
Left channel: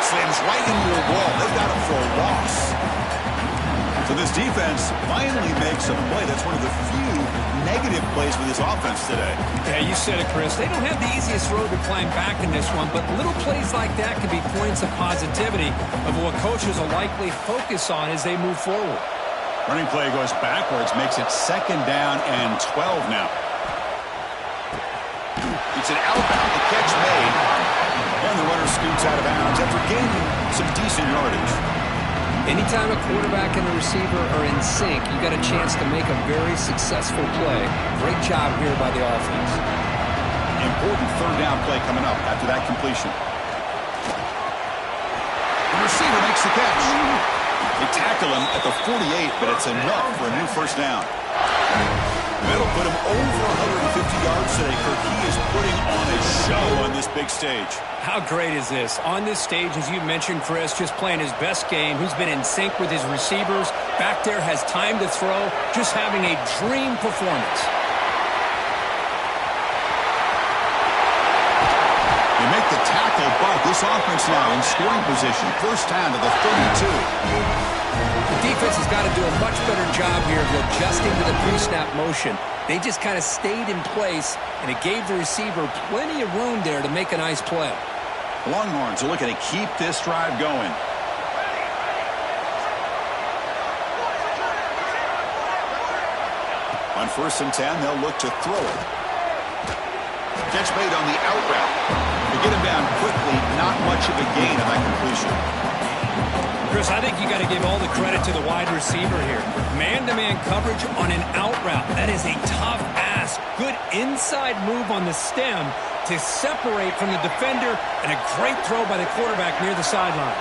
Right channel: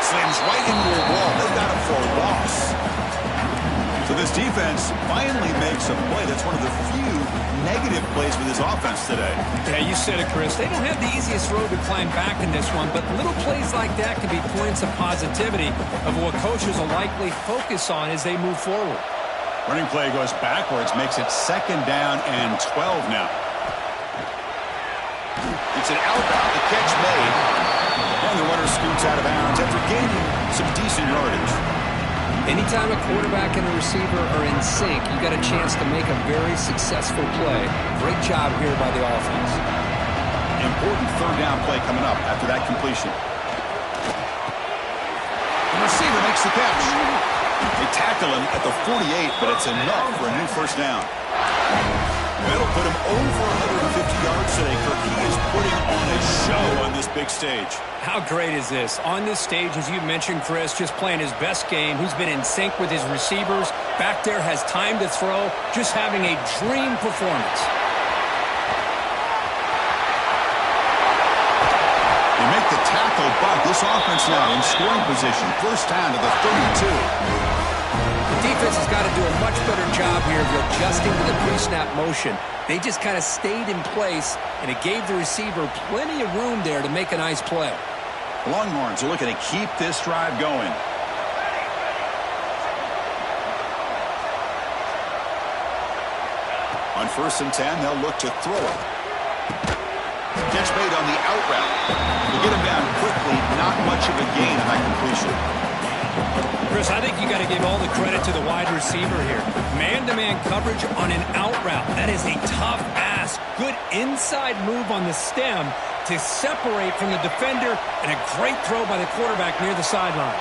Slams right into the wall. They've got him for a loss. So this defense finally makes a play. That's one of the few negative plays for this offense today. Yeah, you said it, Chris. They don't have the easiest road to climb back in this one, but little plays like that can be points of positivity of what coaches will likely focus on as they move forward. Running play goes backwards, makes it 2nd down and 12 now. It's an outbound, the catch made, and the runner scoots out of bounds after gaining some decent yardage. Anytime a quarterback and a receiver are in sync, you got a chance to make a very successful play. Great job here by the offense. Important 3rd down play coming up after that completion. The receiver makes the catch. They tackle him at the 48, but it's enough for a new first down. That'll put him over 150 yards today, Kirk. He is putting on a show on this big stage. How great is this? On this stage, as you mentioned, Chris, just playing his best game. He's been in sync with his receivers. Back there, has time to throw. Just having a dream performance. They make the tackle, but this offense now in scoring position. First down to the 32. The defense has got to do a much better job here of adjusting to the pre-snap motion. They just kind of stayed in place, and it gave the receiver plenty of room there to make a nice play. Longhorns are looking to keep this drive going. On 1st and 10, they'll look to throw it. Catch made on the out route. They get him down quickly, not much of a gain on that completion. Chris, I think you got to give all the credit to the wide receiver here. Man-to-man coverage on an out route. That is a tough ask. Good inside move on the stem to separate from the defender, and a great throw by the quarterback near the sideline.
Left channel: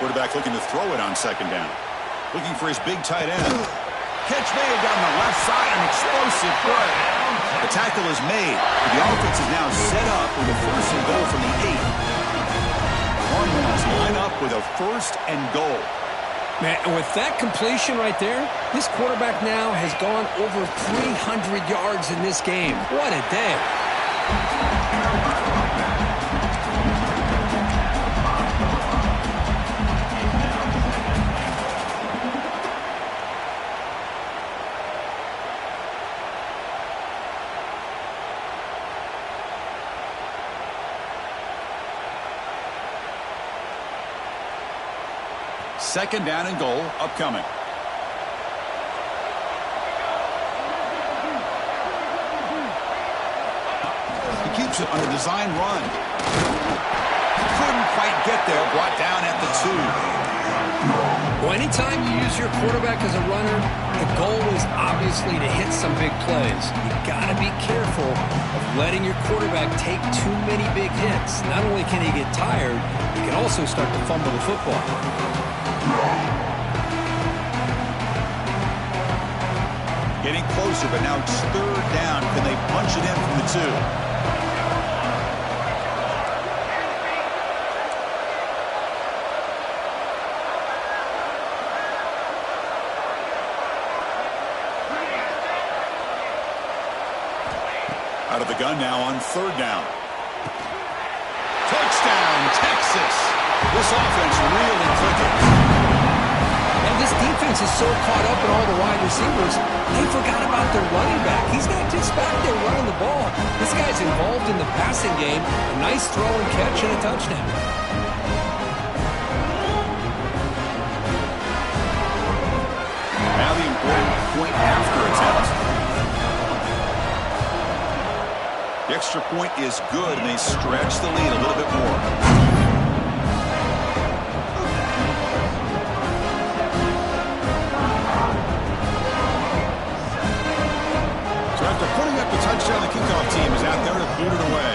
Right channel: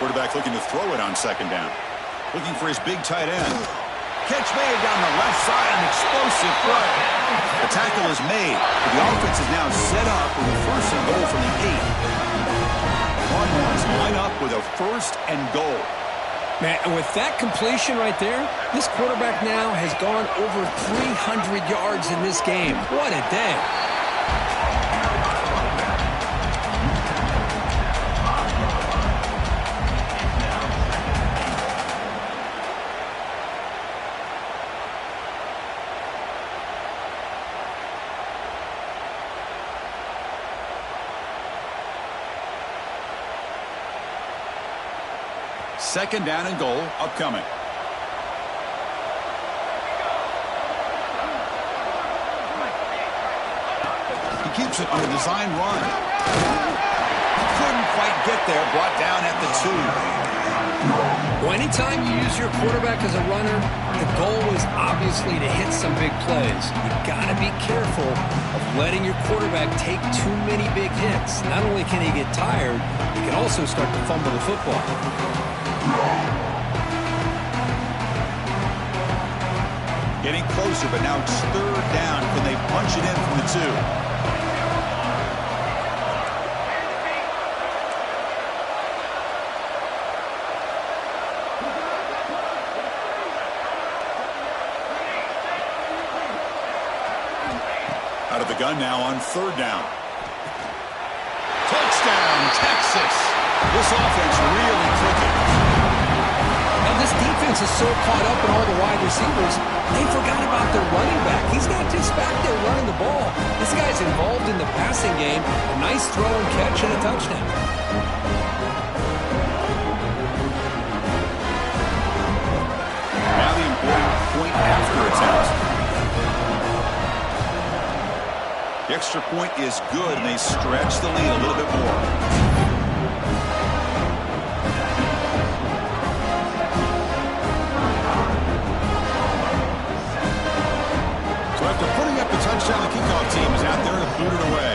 Quarterback looking to throw it on second down. Looking for his big tight end. Catch made down the left side, an explosive play. The tackle is made, but the offense is now set up with a first and goal from the 8. Longhorns line up with a first and goal. Man, and with that completion right there, this quarterback now has gone over 300 yards in this game. What a day. Second down and goal upcoming. He keeps it on a design run. Couldn't quite get there. Brought down at the 2. Well, anytime you use your quarterback as a runner, the goal is obviously to hit some big plays. You've got to be careful of letting your quarterback take too many big hits. Not only can he get tired, he can also start to fumble the football. Getting closer, but now it's third down. Can they punch it in from the 2? Out of the gun now on third down. Touchdown, Texas. This offense really clicking. Now, this defense is so caught up in all the wide receivers, they forgot about their running back. He's not just back there running the ball. This guy's involved in the passing game. A nice throw and catch and a touchdown. Now the important point after attempt. The extra point is good, and they stretch the lead a little bit more. So after putting up the touchdown, the kickoff team is out there to boot it away.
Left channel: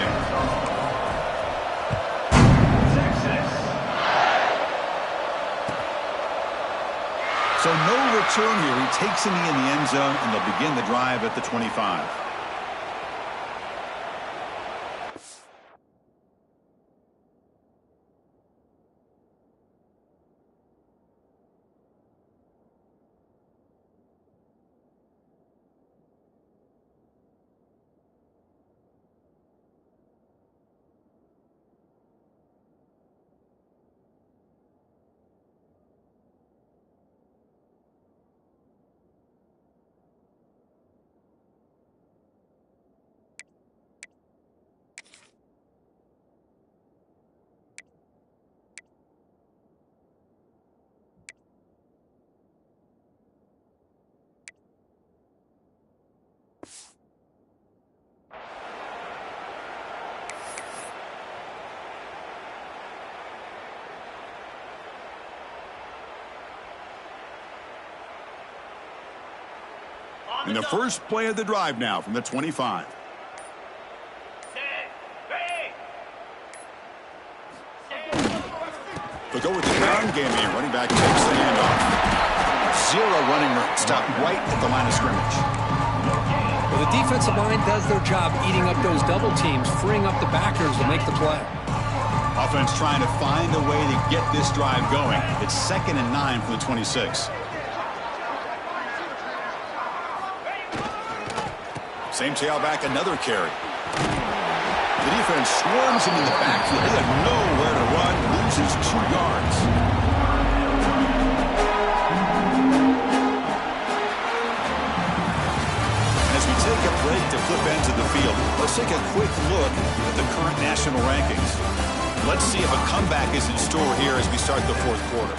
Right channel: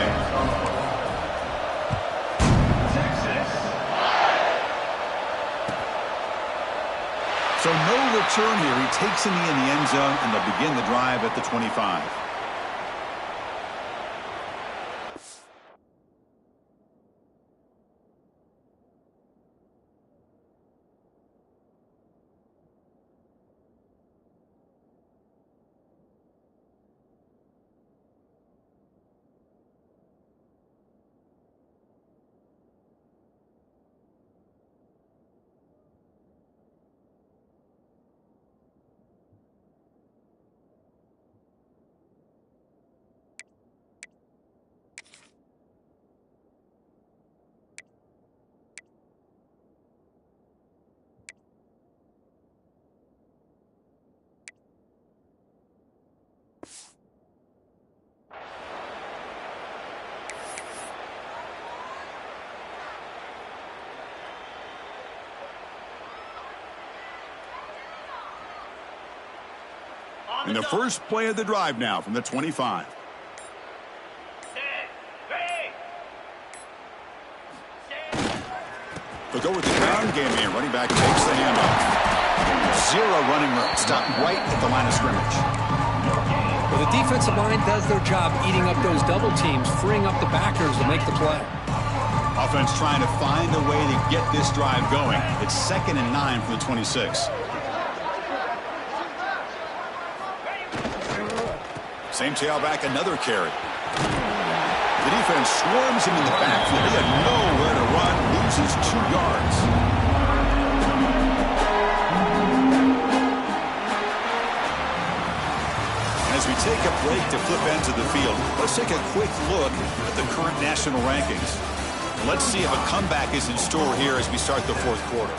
So no return here. He takes in the end zone, and they'll begin the drive at the 25. And the first play of the drive now from the 25. They'll go with the ground game here. Running back takes the handoff. Zero running room. Stopped right at the line of scrimmage. Well, the defensive line does their job eating up those double teams, freeing up the backers to make the play. Offense trying to find a way to get this drive going. It's 2nd and 9 from the 26. Same tailback, another carry. The defense swarms him in the backfield. He had nowhere to run, loses 2 yards. And as we take a break to flip ends of the field, let's take a quick look at the current national rankings. Let's see if a comeback is in store here as we start the 4th quarter.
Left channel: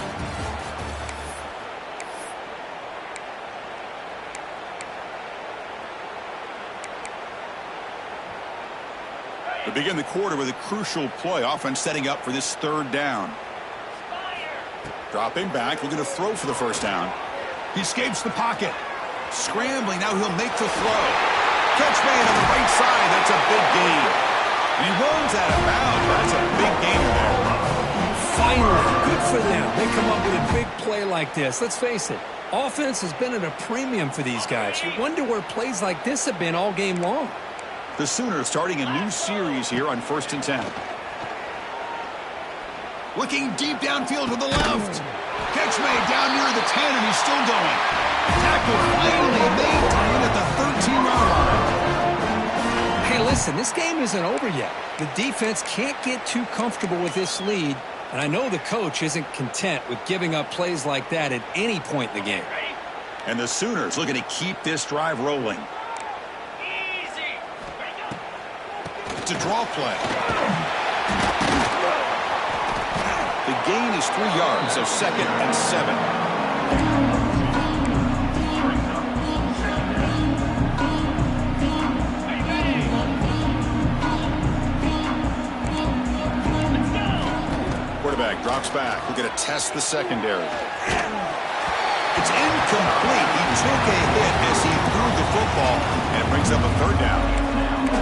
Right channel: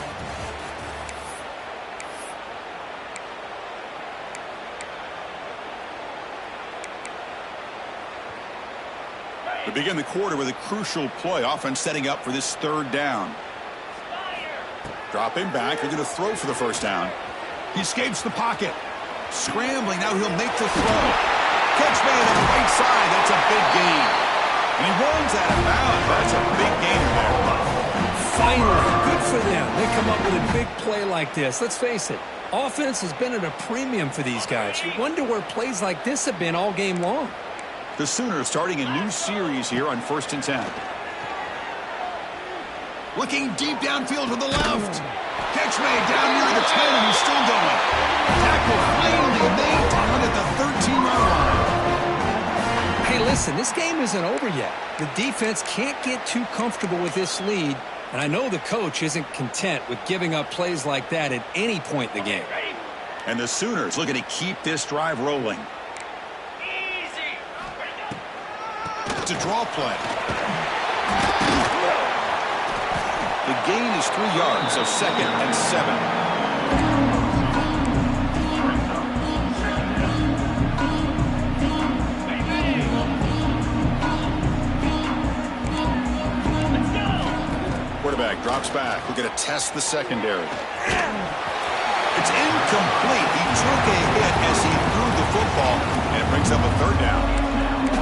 We begin the quarter with a crucial play. Offense setting up for this 3rd down. Dropping back, looking to throw for the 1st down. He escapes the pocket. Scrambling, now he'll make the throw. Catch made on the right side. That's a big gain. And he runs out of bounds. That's a big gainer there. Finally, good for them. They come up with a big play like this. Let's face it, offense has been at a premium for these guys. You wonder where plays like this have been all game long. The Sooners starting a new series here on 1st and 10. Looking deep downfield to the left. Catch made down near the 10, and he's still going. Tackle finally made down at the 13-yard line. Hey, listen, this game isn't over yet. The defense can't get too comfortable with this lead, and I know the coach isn't content with giving up plays like that at any point in the game. And the Sooners looking to keep this drive rolling. It's a draw play. The gain is 3 yards, so 2nd and 7. Quarterback drops back. We're going to test the secondary. It's incomplete. He took a hit as he threw the football, and it brings up a 3rd down.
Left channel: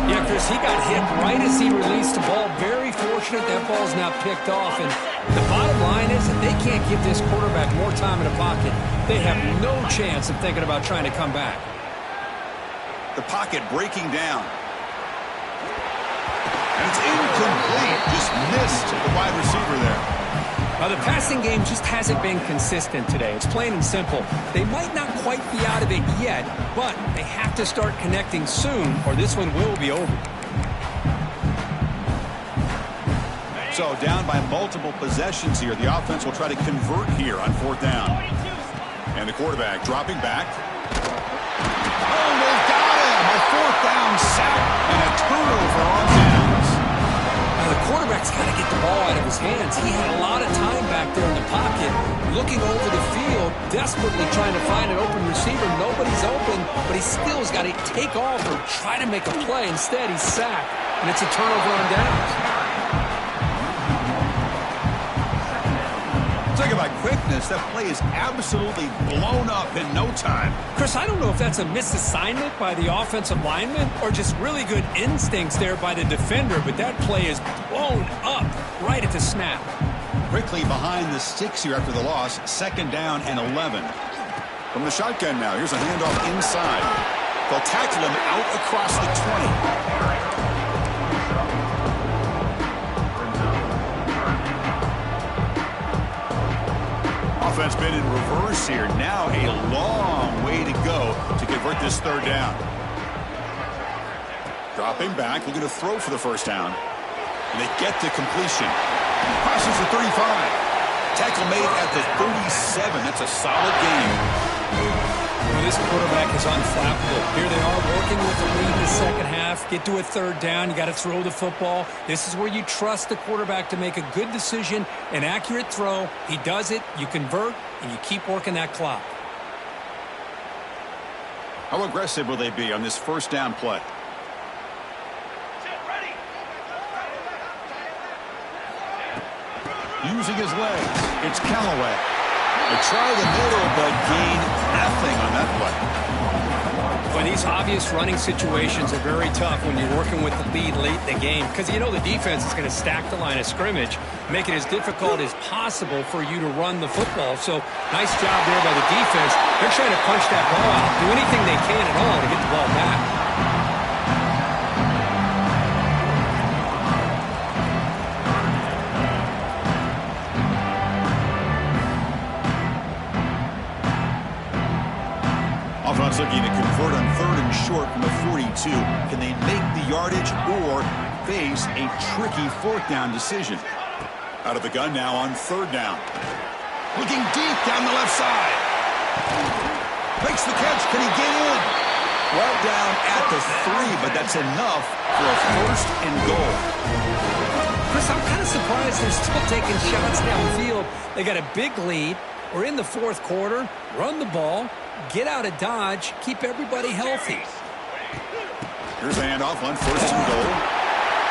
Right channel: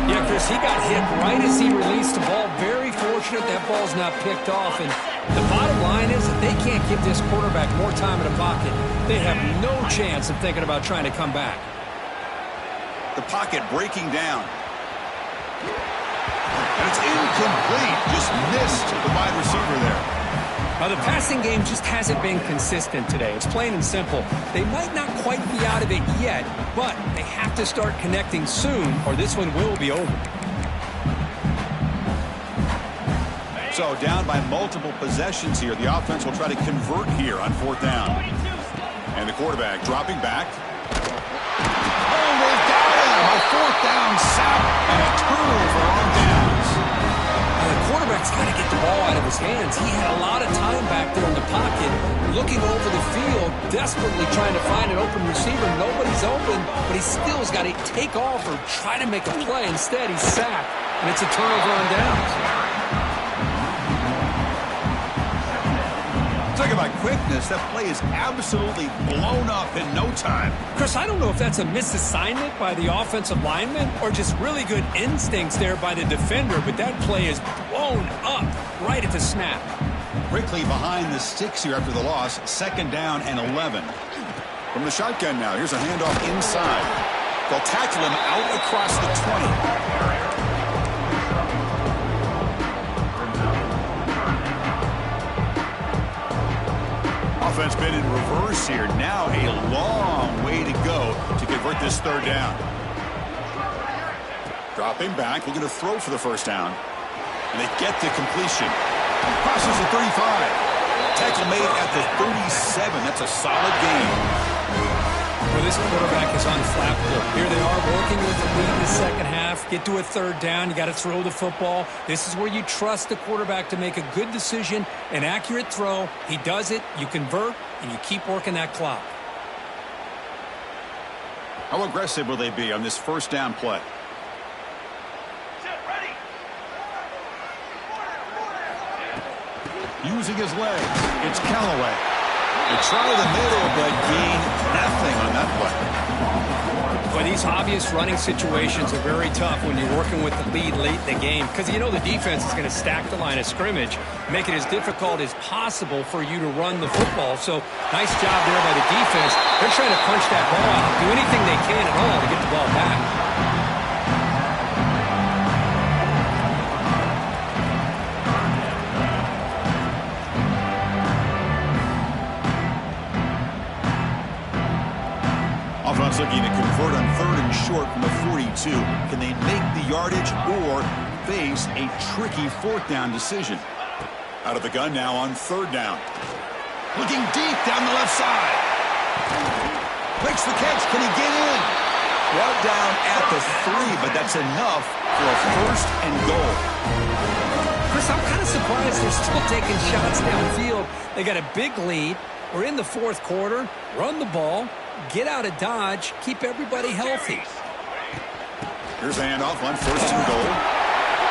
Yeah, Chris, he got hit right as he released the ball. Very fortunate that ball's not picked off. And the bottom line is that they can't give this quarterback more time in the pocket. They have no chance of thinking about trying to come back. The pocket breaking down. And it's incomplete. Just missed the wide receiver there. Now, the passing game just hasn't been consistent today. It's plain and simple. They might not quite be out of it yet, but they have to start connecting soon, or this one will be over. So down by multiple possessions here. The offense will try to convert here on 4th down. And the quarterback dropping back. Oh, they've got him. A 4th down sack and a turnover on downs. Now, the quarterback's got to get the ball out of his hands. He had a lot of time back there in the pocket, looking over the field, desperately trying to find an open receiver. Nobody's open, but he still has got to take off or try to make a play. Instead, he's sacked, and it's a turnover on downs. Talk about quickness. That play is absolutely blown up in no time. Chris, I don't know if that's a misassignment by the offensive lineman or just really good instincts there by the defender, but that play is blown up right at the snap. Quickly behind the sticks here after the loss. 2nd down and 11. From the shotgun now, here's a handoff inside. They'll tackle him out across the 20. Offense been in reverse here. Now a long way to go to convert this 3rd down. Dropping back, looking to throw for the 1st down. And they get the completion. Crosses the 35. Tackle made at the 37. That's a solid game. Well, this quarterback is unflappable. Here they are working with the lead in the 2nd half. Get to a 3rd down. You got to throw the football. This is where you trust the quarterback to make a good decision, an accurate throw. He does it. You convert, and you keep working that clock. How aggressive will they be on this 1st down play? Using his legs, it's Callaway. They try the middle, but gain nothing on that play. But these obvious running situations are very tough when you're working with the lead late in the game, because you know the defense is going to stack the line of scrimmage, make it as difficult as possible for you to run the football. So nice job there by the defense. They're trying to punch that ball out, do anything they can at all to get the ball back. Offense looking to convert on 3rd and short from the 42. Can they make the yardage or face a tricky 4th down decision? Out of the gun now on 3rd down. Looking deep down the left side. Makes the catch. Can he get in? Brought down at the 3, but that's enough for a 1st and goal. Chris, I'm kind of surprised they're still taking shots downfield. They got a big lead. We're in the 4th quarter. Run the ball. Get out of Dodge. Keep everybody healthy. Here's the handoff on 1st and goal.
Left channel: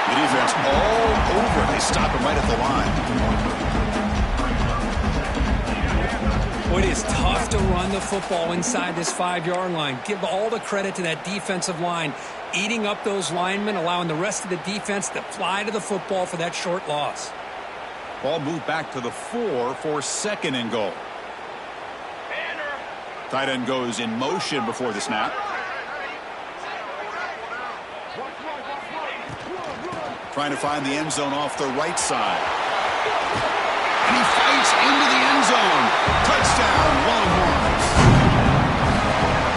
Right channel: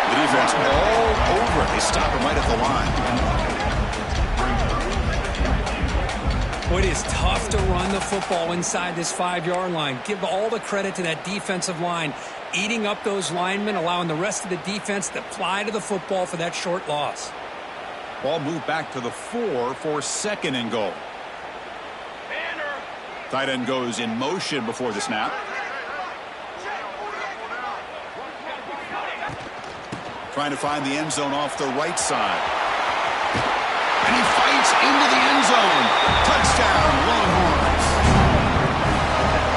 The defense all over it. They stop him right at the line. Boy, it is tough to run the football inside this 5-yard line. Give all the credit to that defensive line, eating up those linemen, allowing the rest of the defense to fly to the football for that short loss. Ball moved back to the 4 for 2nd and goal. Tight end goes in motion before the snap. Trying to find the end zone off the right side. And he fights into the end zone. Touchdown, Longhorns.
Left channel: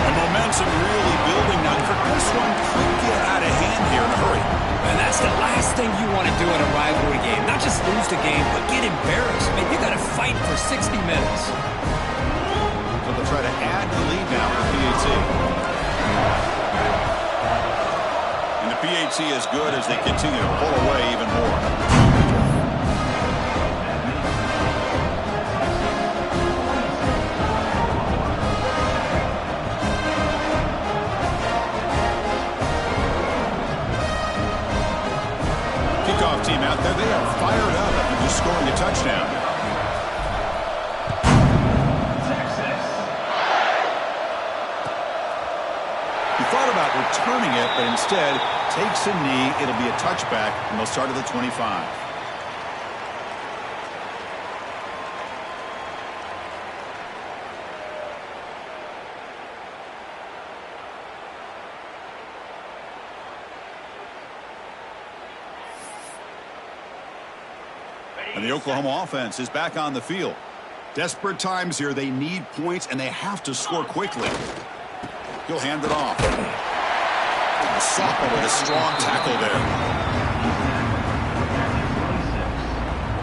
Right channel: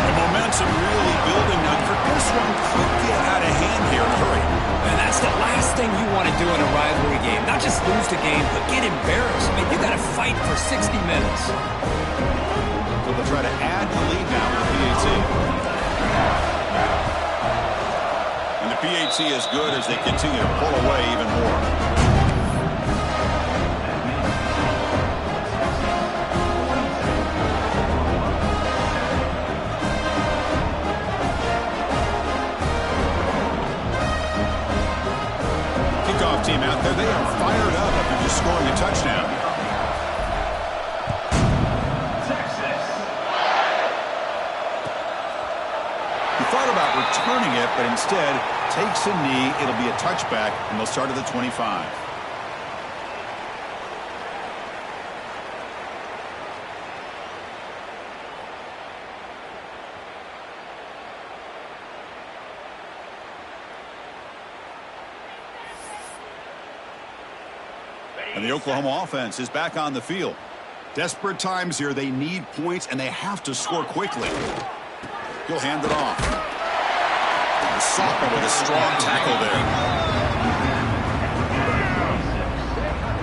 And momentum really building now. This one could get out of hand here in a hurry. And that's the last thing you want to do in a rivalry game. Not just lose the game, but get embarrassed. Man, you got to fight for 60 minutes. So they'll try to add the lead now with the PAT. And the PAT is good as they continue to pull away even more. Kickoff team out there. They are fired up after just scoring a touchdown. He thought about returning it, but instead takes a knee. It'll be a touchback, and they'll start at the 25. And the Oklahoma offense is back on the field. Desperate times here. They need points, and they have to score quickly. He'll hand it off. The sophomore with a strong tackle there.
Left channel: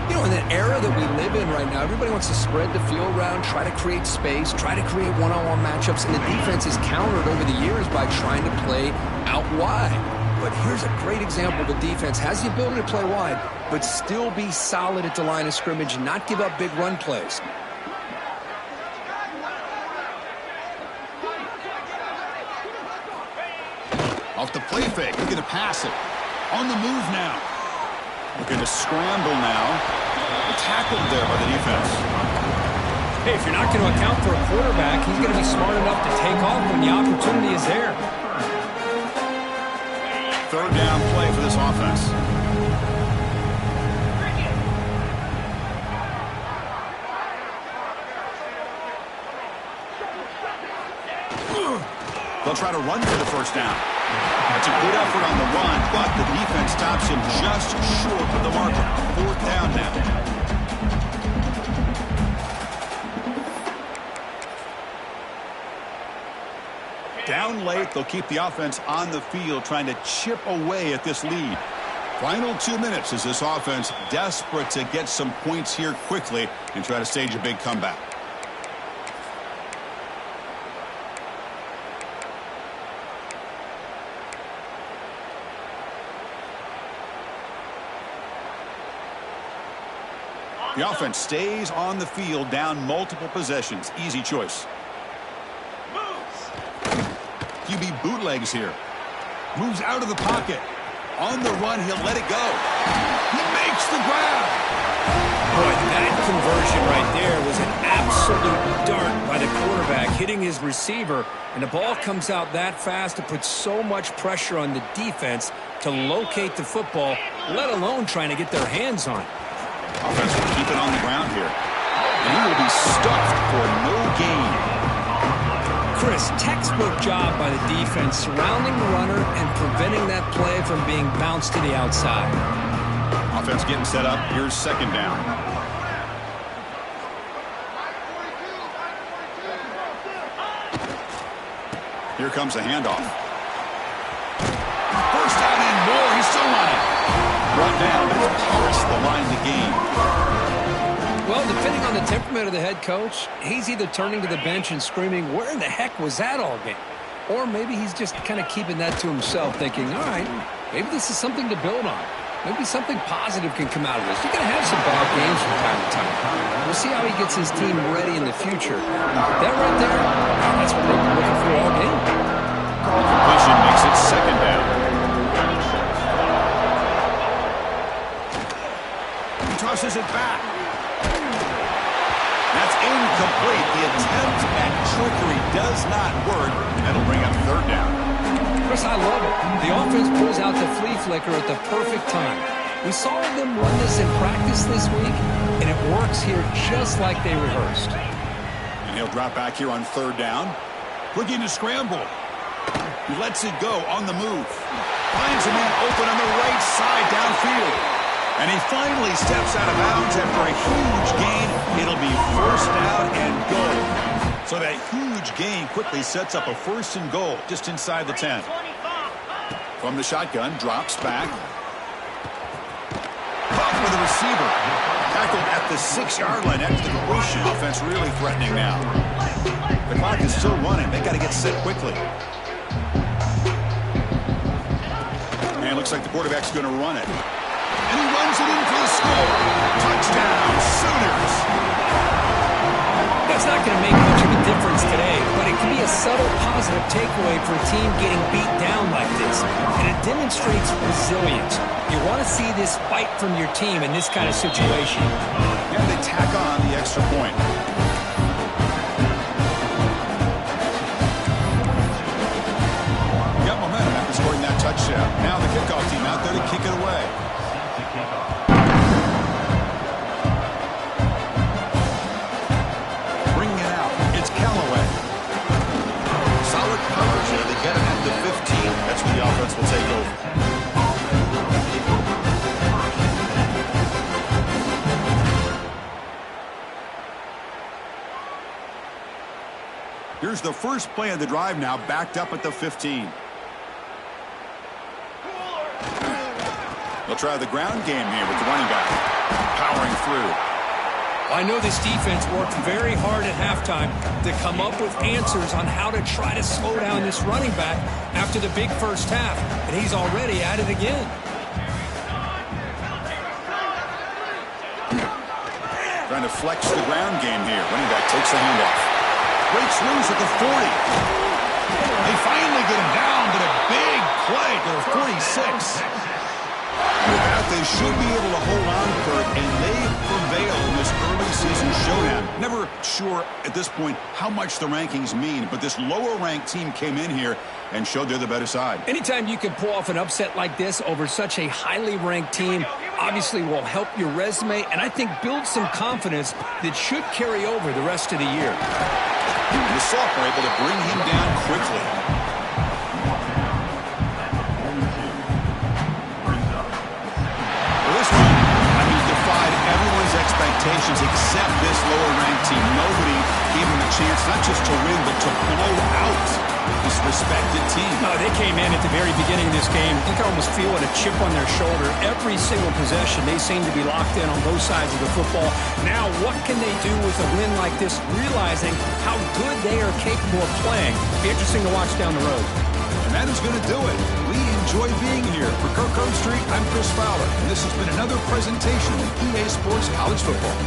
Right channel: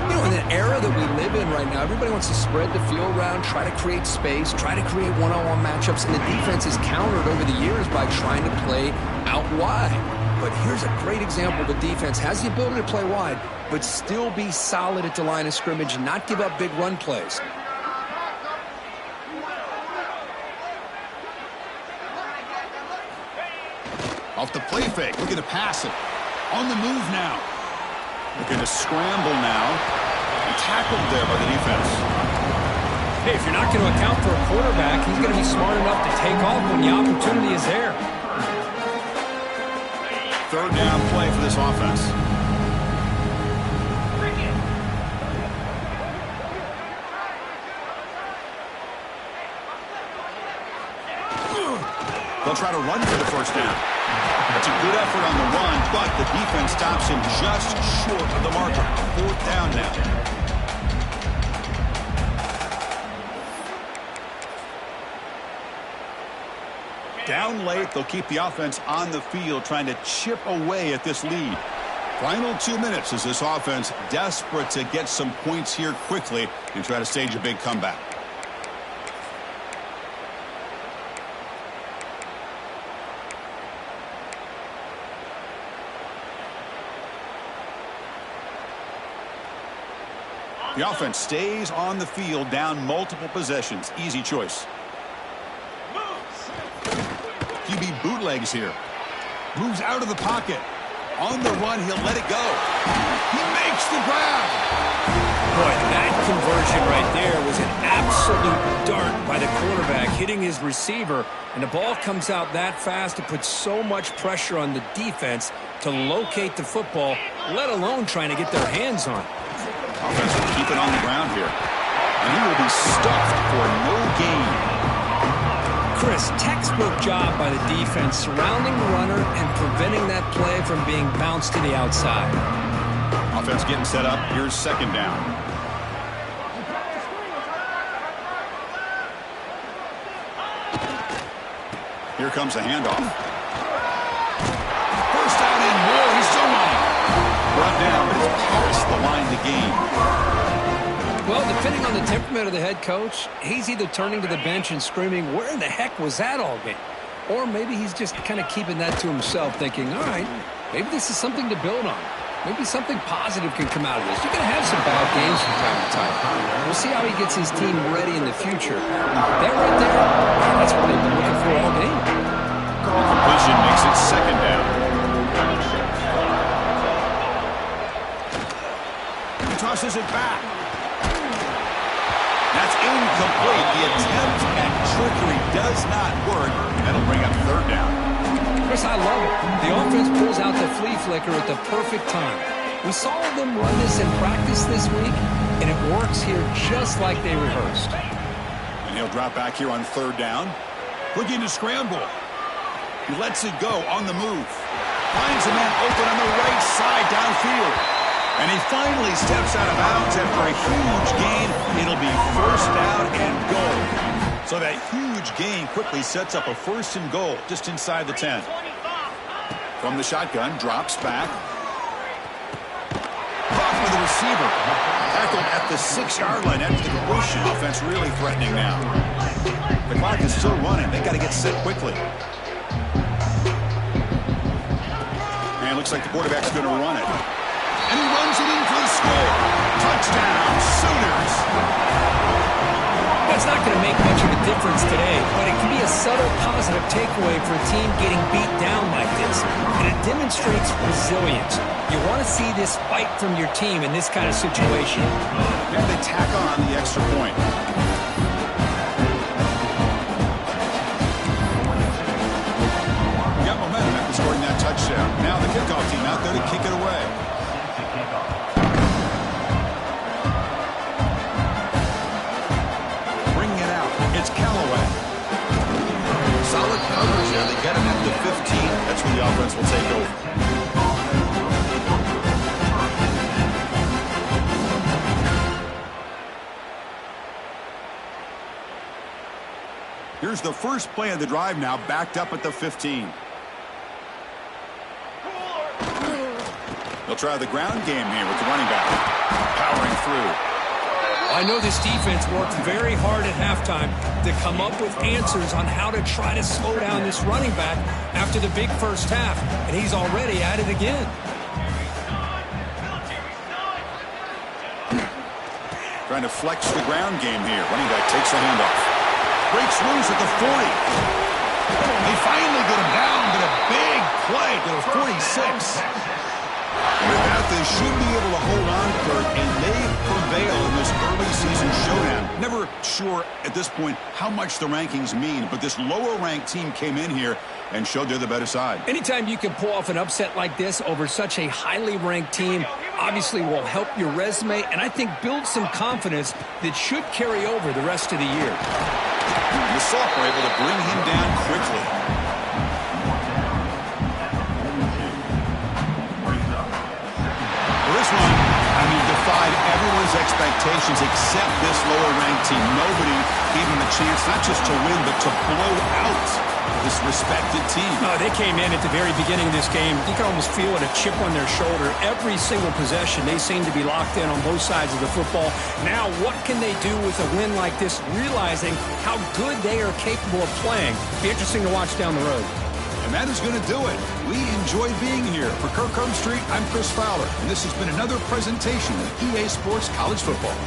You know, in the era that we live in right now, everybody wants to spread the field around, try to create space, try to create one-on-one matchups, and the defense is countered over the years by trying to play out wide. But here's a great example. The defense has the ability to play wide, but still be solid at the line of scrimmage and not give up big run plays. Off the play fake, looking to pass it. On the move now. Looking to scramble now. And tackled there by the defense. Hey, if you're not going to account for a quarterback, he's going to be smart enough to take off when the opportunity is there. 3rd down play for this offense. They'll try to run for the 1st down. That's a good effort on the run, but the defense stops him just short of the marker. 4th down now. Down late, they'll keep the offense on the field, trying to chip away at this lead. Final 2 minutes as this offense desperate to get some points here quickly and try to stage a big comeback. The offense stays on the field, down multiple possessions. Easy choice. QB bootlegs here. Moves out of the pocket. On the run, he'll let it go. He makes the grab. Boy, that conversion right there was an absolute dart by the quarterback, hitting his receiver, and the ball comes out that fast to put so much pressure on the defense to locate the football, let alone trying to get their hands on it. Offense will keep it on the ground here. And he will be stuffed for no gain. Chris, textbook job by the defense surrounding the runner and preventing that play from being bounced to the outside. Offense getting set up. Here's 2nd down. Here comes a handoff. 1st down and more. He's still running. Brought down, but it's past the line to gain. Well, depending on the temperament of the head coach, he's either turning to the bench and screaming, where in the heck was that all game? Or maybe he's just kind of keeping that to himself, thinking, all right, maybe this is something to build on. Maybe something positive can come out of this. You're going to have some bad games from time to time. We'll see how he gets his team ready in the future. That right there, that's what they've been looking for all game. The completion makes it 2nd down. He tosses it back. That's incomplete. The attempt at trickery does not work. That'll bring up 3rd down. Chris, I love it. The offense pulls out the flea flicker at the perfect time. We saw them run this in practice this week, and it works here just like they rehearsed. And he'll drop back here on 3rd down. Looking to scramble. He lets it go on the move. Finds a man open on the right side downfield. And he finally steps out of bounds after a huge gain. It'll be 1st down and goal. So that huge gain quickly sets up a 1st and goal just inside the 10. From the shotgun, drops back. Caught by the receiver. Tackled at the 6-yard line after the completion. Offense really threatening now. The clock is still running. They got to get set quickly. And it looks like the quarterback's going to run it. And he runs it in for the score. Touchdown, Sooners. That's not going to make much of a difference today, but it can be a subtle positive takeaway for a team getting beat down like this. And it demonstrates resilience. You want to see this fight from your team in this kind of situation. And they tack on the extra point. Got momentum after scoring that touchdown. Now the kickoff team out there to kick it away. Bringing it out. It's Callaway. Solid coverage there. They get him at the 15. That's where the offense will take over. Here's the first play of the drive now, backed up at the 15. They'll try the ground game here with the running back. Powering through. I know this defense worked very hard at halftime to come up with answers on how to try to slow down this running back after the big first half, and he's already at it again. Trying to flex the ground game here. Running back takes the handoff. Breaks loose at the 40. They finally get him down, but a big play to the 46. With that, they should be able to hold on, Kurt, and they prevail in this early season showdown. Never sure at this point how much the rankings mean, but this lower-ranked team came in here and showed they're the better side. Anytime you can pull off an upset like this over such a highly ranked team, obviously will help your resume, and I think build some confidence that should carry over the rest of the year. The sophomore able to bring him down quickly. This one, defied everyone's expectations except this lower-ranked team. Nobody gave him a chance not just to win, but to blow out this respected team. No, they came in at the very beginning of this game. You can almost feel it, a chip on their shoulder. Every single possession, they seem to be locked in on both sides of the football. Now, what can they do with a win like this, realizing how good they are capable of playing? Be interesting to watch down the road. And that is going to do it. We enjoy being here. For Kirk Street, I'm Chris Fowler, and this has been another presentation of EA Sports College Football.